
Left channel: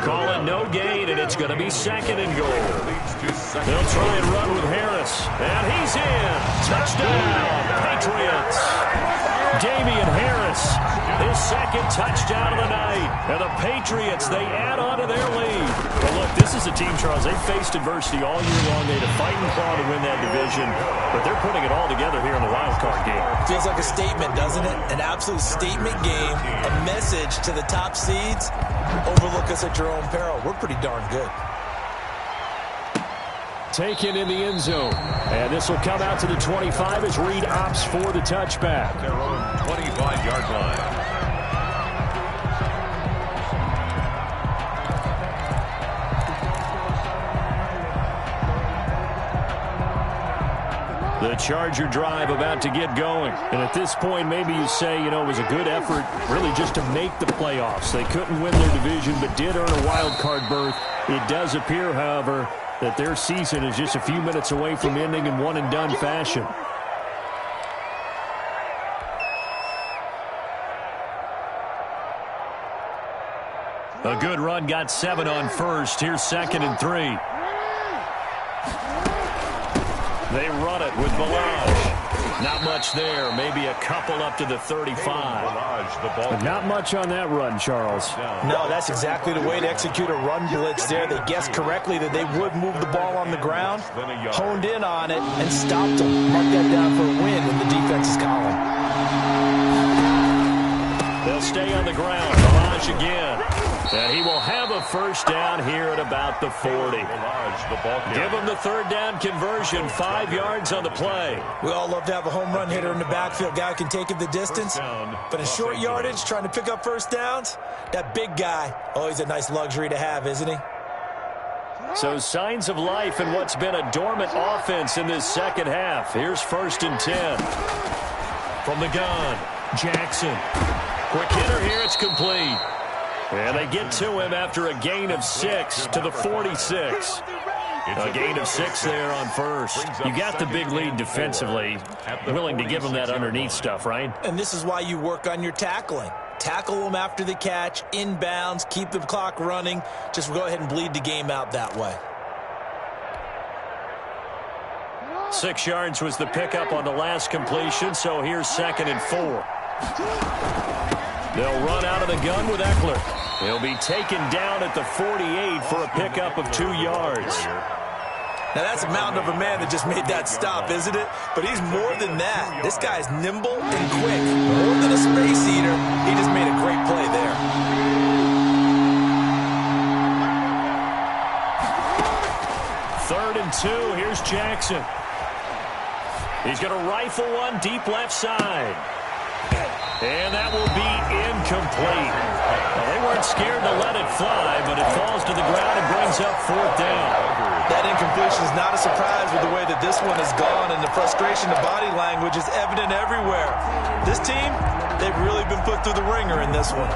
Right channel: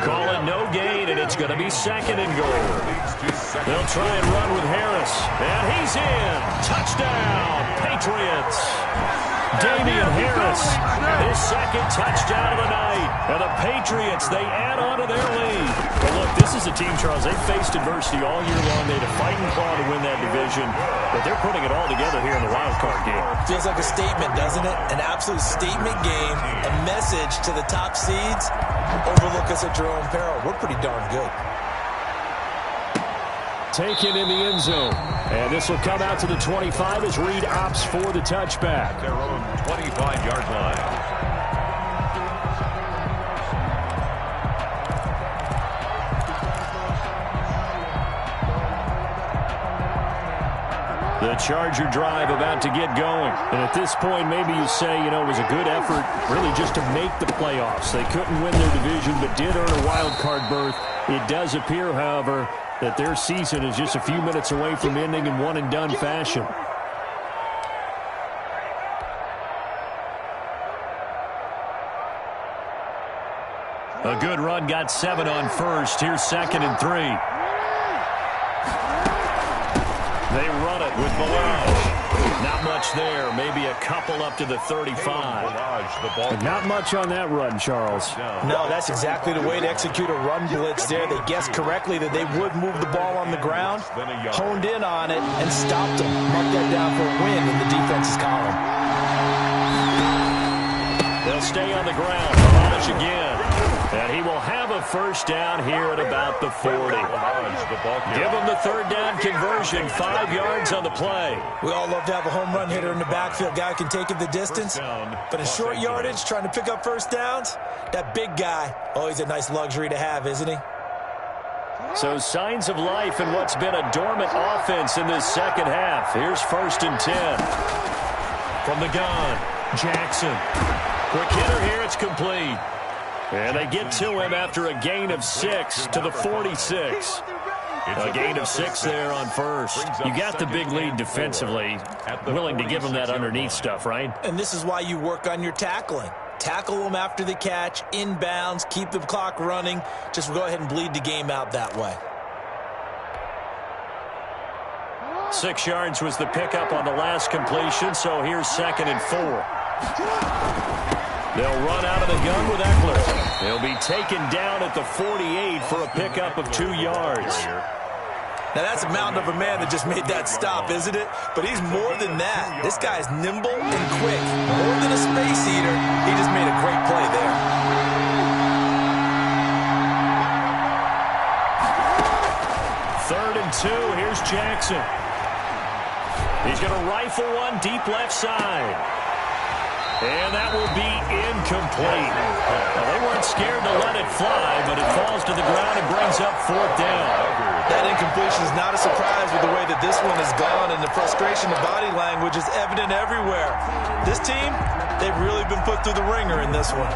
Call it no gain, and it's going to be 2nd and goal. They'll try and run with Harris. And he's in. Touchdown, Patriots. Damian Harris, his 2nd touchdown of the night. And the Patriots, they add on to their lead. But look, this is a team, Charles, they faced adversity all year long. They had to fight and claw to win that division. But they're putting it all together here in the wild card game. Feels like a statement, doesn't it? An absolute statement game, a message to the top seeds. Overlook us at your own peril. We're pretty darn good. Taken in the end zone. And this will come out to the 25 as Reed opts for the touchback. Their own 25-yard line. The Charger drive about to get going. And at this point, maybe you say, you know, it was a good effort really just to make the playoffs. They couldn't win their division but did earn a wild card berth. It does appear, however, that their season is just a few minutes away from ending in one-and-done fashion. A good run, got 7 on 1st. Here's 2nd and 3. They run it with Balaj. Not much there. Maybe a couple up to the 35. But not much on that run, Charles. No, that's exactly the way to execute a run blitz there. They guessed correctly that they would move the ball on the ground, honed in on it, and stopped them. Mark that down for a win in the defense's column. They'll stay on the ground. Balaj again. And he will have a 1st down here at about the 40. Give him the 3rd down conversion. 5 yards on the play. We all love to have a home run hitter in the backfield. Guy who can take it the distance. But in short yardage, trying to pick up 1st downs, that big guy, oh, he's a nice luxury to have, isn't he? So signs of life in what's been a dormant offense in this 2nd half. Here's 1st and 10. From the gun, Jackson. Quick hitter here, it's complete. And they get to him after a gain of 6 to the 46. A gain of 6 there on 1st. You got the big lead defensively. Willing to give him that underneath stuff, right? And this is why you work on your tackling. Tackle them after the catch, inbounds, keep the clock running. Just go ahead and bleed the game out that way. 6 yards was the pickup on the last completion, so here's 2nd and 4. They'll run out of the gun with Eckler. He'll be taken down at the 48 for a pickup of 2 yards. Now, that's a mountain of a man that just made that stop, isn't it? But he's more than that. This guy's nimble and quick. More than a space eater, he just made a great play there. Third and 2. Here's Jackson. He's going to rifle one deep left side. And that will be incomplete. Well, they weren't scared to let it fly, but it falls to the ground and brings up 4th down. That incompletion is not a surprise with the way that this one has gone, and the frustration, the body language is evident everywhere. This team, they've really been put through the ringer in this one.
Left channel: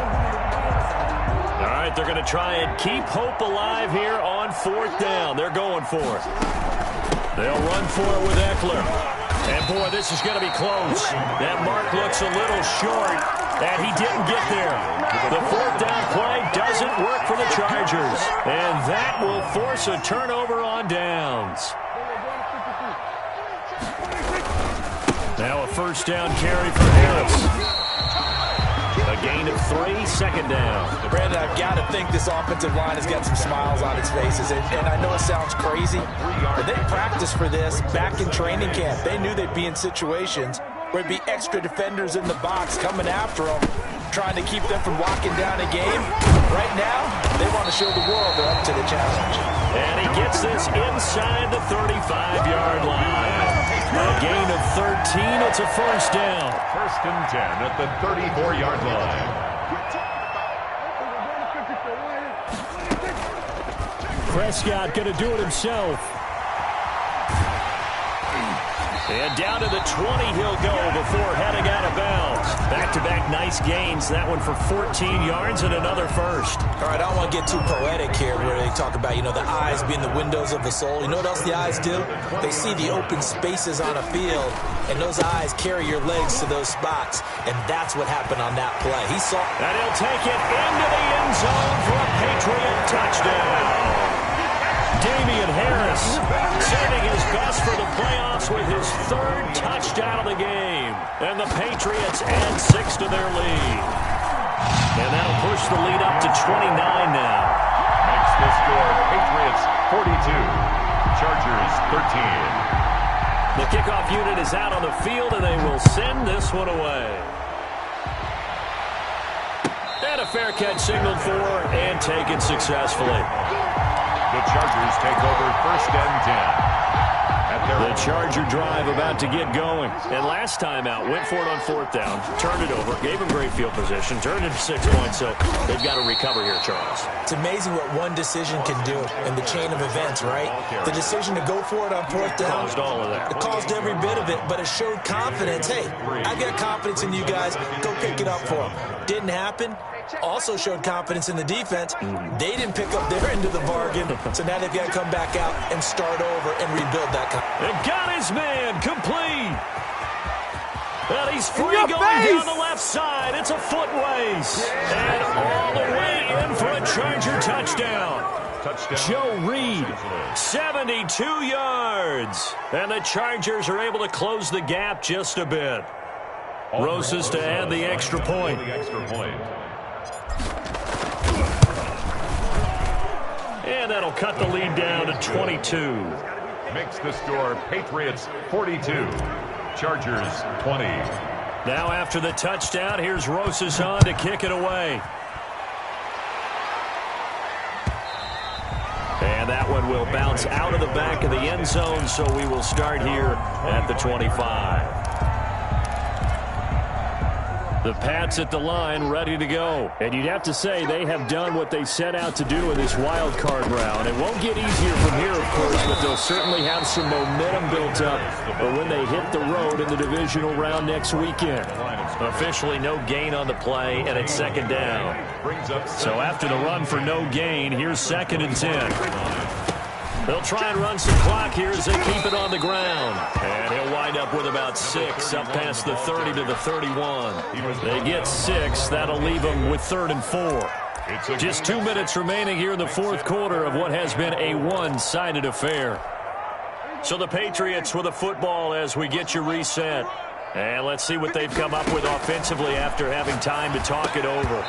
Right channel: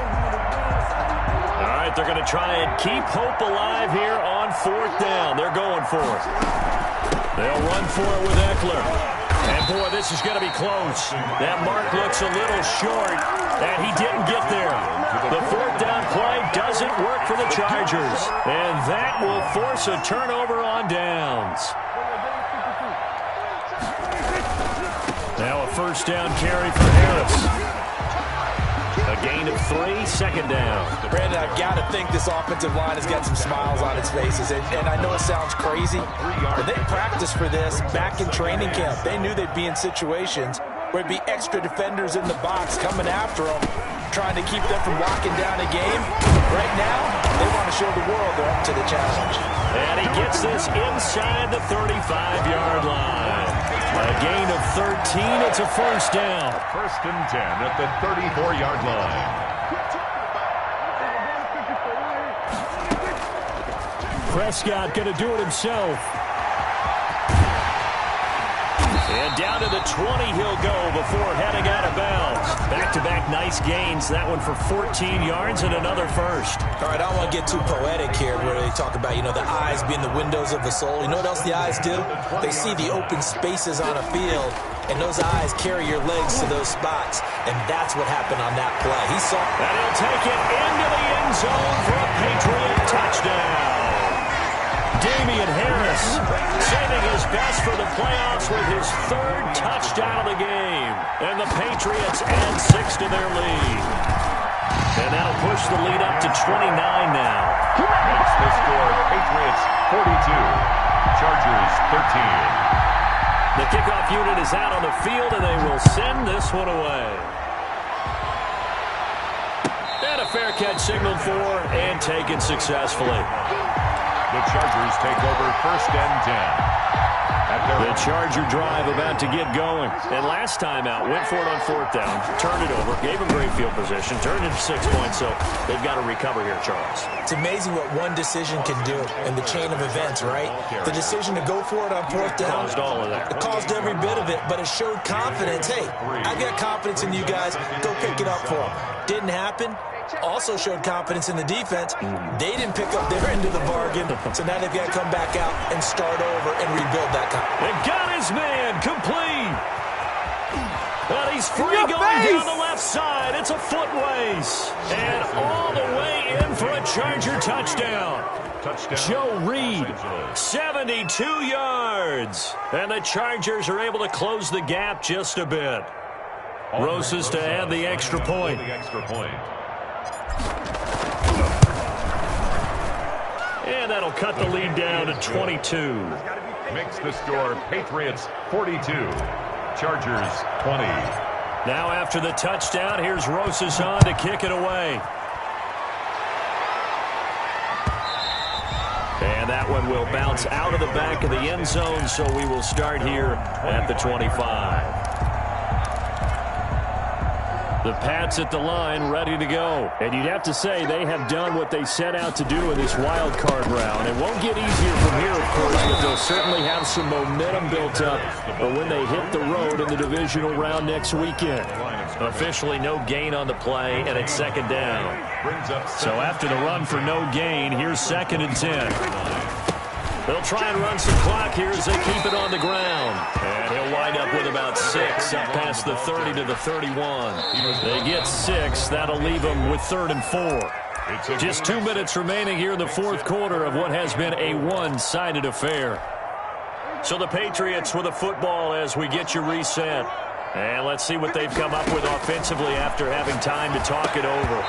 All right, they're going to try and keep hope alive here on 4th down. They're going for it. They'll run for it with Eckler. And, boy, this is going to be close. That mark looks a little short, and he didn't get there. The 4th down play doesn't work for the Chargers, and that will force a turnover on downs. Now a 1st down carry for Harris. A gain of 3, 2nd down. Brandon, I've got to think this offensive line has got some smiles on its faces. And I know it sounds crazy, but they practiced for this back in training camp. They knew they'd be in situations where it'd be extra defenders in the box coming after them, trying to keep them from locking down a game. Right now, they want to show the world they're up to the challenge. And he gets this inside the 35-yard line. A gain of 13. It's a 1st down. 1st and 10 at the 34-yard line. Prescott going to do it himself. And down to the 20 he'll go before heading out of bounds. Back-to-back nice gains. That one for 14 yards and another 1st. All right, I don't want to get too poetic here where they talk about, the eyes being the windows of the soul. You know what else the eyes do? They see the open spaces on a field, and those eyes carry your legs to those spots. And that's what happened on that play. He saw. And he'll take it into the end zone for a Patriot touchdown. Damian Harris saving his best for the playoffs with his 3rd touchdown of the game. And the Patriots add 6 to their lead. And that'll push the lead up to 29 now. Makes the score Patriots 42, Chargers 13. The kickoff unit is out on the field, and they will send this one away. And a fair catch signaled for and taken successfully. The Chargers take over 1st and 10. The Charger drive about to get going. And last time out, went for it on 4th down, turned it over, gave him great field position, turned it to 6 points, so they've got to recover here, Charles. It's amazing what one decision can do in the chain of events, right? The decision to go for it on 4th down. Caused all of that. It caused every bit of it, but it showed confidence. Hey, I've got confidence in you guys. Go pick it up for them. Didn't happen. Also showed confidence in the defense. They didn't pick up their end of the bargain, so now they've got to come back out and start over and rebuild that confidence. And got his man complete. And he's free going down the left side. It's a foot race. And all the way in for a Charger touchdown. Joe Reed, 72 yards. And the Chargers are able to close the gap just a bit. Rosas to add the extra point. And that'll cut the lead down to 22. Makes the score Patriots 42, Chargers 20. Now after the touchdown, here's Rosas on to kick it away. And that one will bounce out of the back of the end zone, so we will start here at the 25. The Pats at the line, ready to go. And you'd have to say they have done what they set out to do in this wild card round. It won't get easier from here, of course, but they'll certainly have some momentum built up when they hit the road in the divisional round next weekend. Officially no gain on the play, and it's 2nd down. So after the run for no gain, here's 2nd and 10. They'll try and run some clock here as they keep it on the ground. And he'll wind up with about 6 up past the 30 to the 31. They get 6. That'll leave them with 3rd and 4. Just 2 minutes remaining here in the 4th quarter of what has been a one-sided affair. So the Patriots with a football as we get you reset. And let's see what they've come up with offensively after having time to talk it over.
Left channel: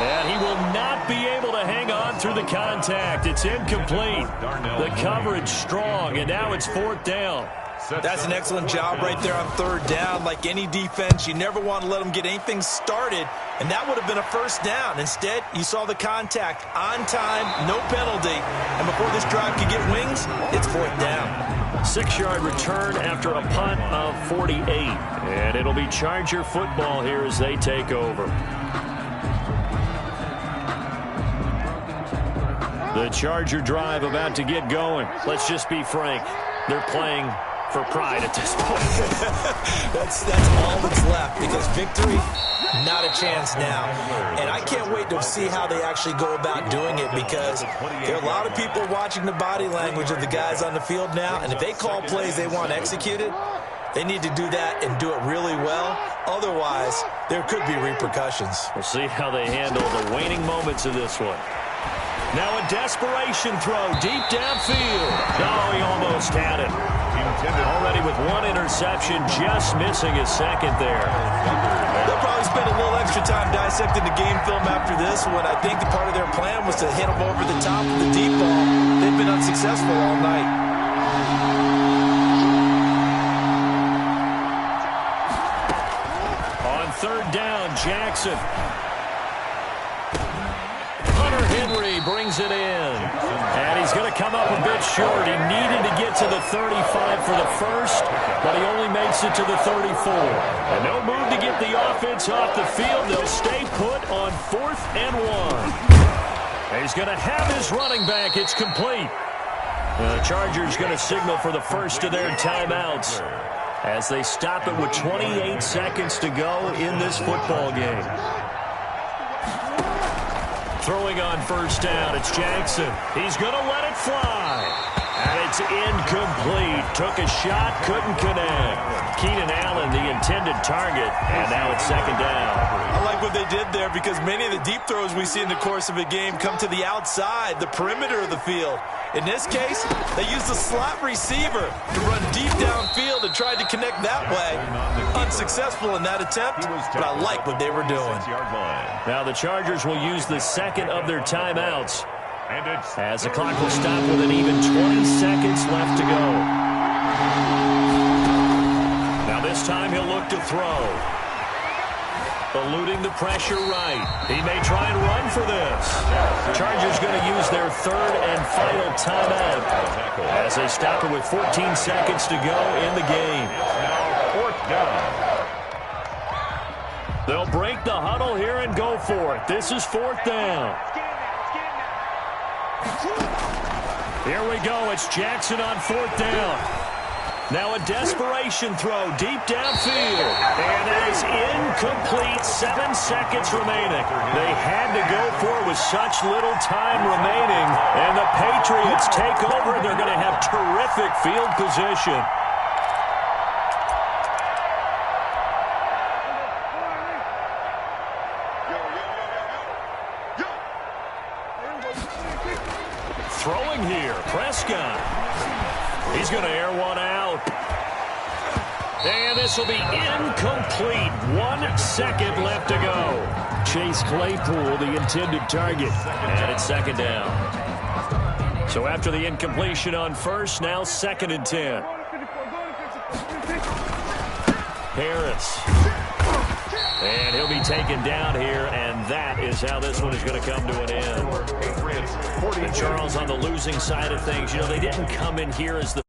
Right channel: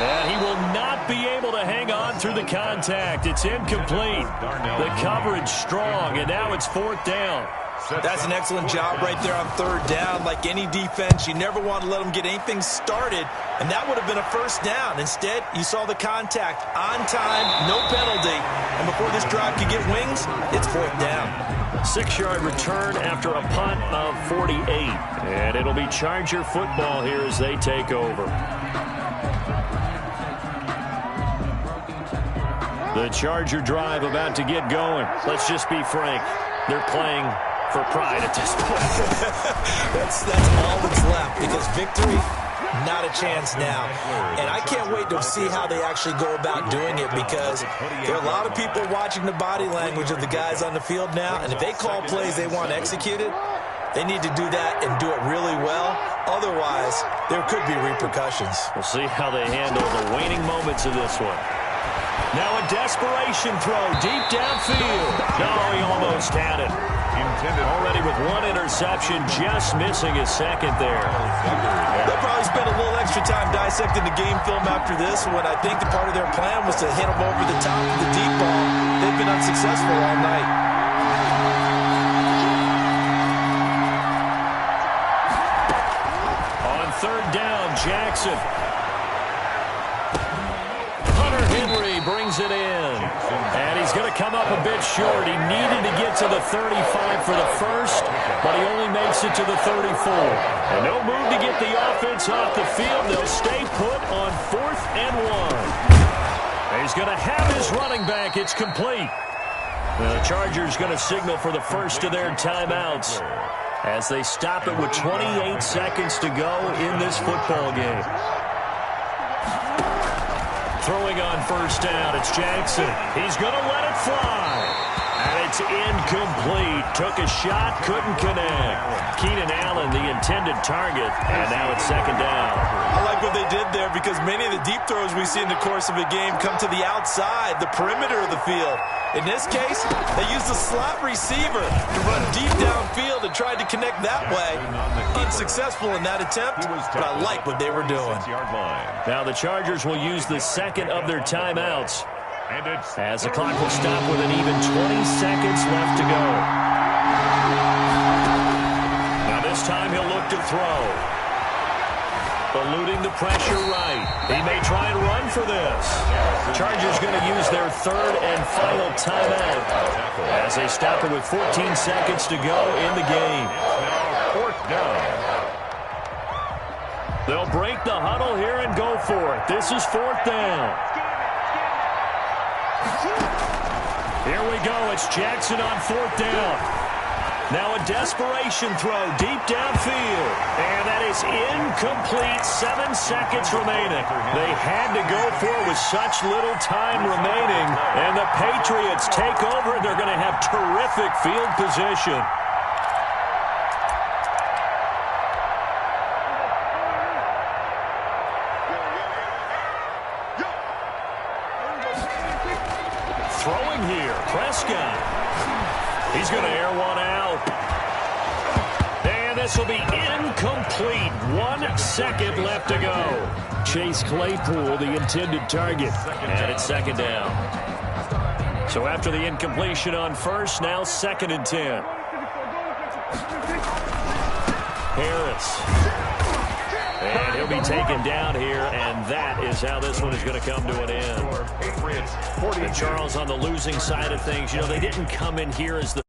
And he will not be able to hang on through the contact. It's incomplete. The coverage strong, and now it's 4th down. That's an excellent job right there on 3rd down. Like any defense, you never want to let them get anything started, and that would have been a 1st down. Instead, you saw the contact on time, no penalty, and before this drive could get wings, it's 4th down. 6-yard return after a punt of 48, and it'll be Charger football here as they take over. The Charger drive about to get going. Let's just be frank. They're playing for pride at this point. that's all that's left, because victory Not a chance now. And I can't wait to see how they actually go about doing it, because there are a lot of people watching the body language of the guys on the field now, and if they call plays they want executed, they need to do that and do it really well. Otherwise, there could be repercussions. We'll see how they handle the waning moments of this one. Now a desperation throw deep downfield. No, he almost had it. Already with one interception, just missing his second there. They'll probably spend a little extra time dissecting the game film after this one. I think the part of their plan was to hit him over the top of the deep ball. They've been unsuccessful all night. On third down, Jackson. Henry brings it in, and he's going to come up a bit short. He needed to get to the 35 for the first, but he only makes it to the 34. And no move to get the offense off the field. They'll stay put on 4th and 1. He's going to have his running back. It's complete. The Chargers going to signal for the first of their timeouts as they stop it with 28 seconds to go in this football game. Throwing on first down, it's Jackson. He's going to let it fly. And it's incomplete. Took a shot, couldn't connect. Keenan Allen, the intended target, and now it's second down. I like what they did there, because many of the deep throws we see in the course of a game come to the outside, the perimeter of the field. In this case, they used the slot receiver to run deep downfield and tried to connect that way. Unsuccessful in that attempt, but I like what they were doing. Now the Chargers will use the second of their timeouts, as the clock will stop with an even 20 seconds left to go. Now this time he'll look to throw. Eluding the pressure right. He may try and run for this. Chargers going to use their third and final timeout as they stop it with 14 seconds to go in the game. It's now 4th down. They'll break the huddle here and go for it. This is 4th down. Here we go. It's Jackson on 4th down. Now a desperation throw deep downfield. And that is incomplete. 7 seconds remaining. They had to go for it with such little time remaining. And the Patriots take over. They're going to have terrific field position. Throwing here, Prescott. He's going to air one out. And this will be incomplete. 1 second left to go. Chase Claypool, the intended target. And it's second down. So after the incompletion on first, now 2nd and 10. Harris. And he'll be taken down here, and that is how this one is going to come to an end. And Charles, on the losing side of things, you know, they didn't come in here as the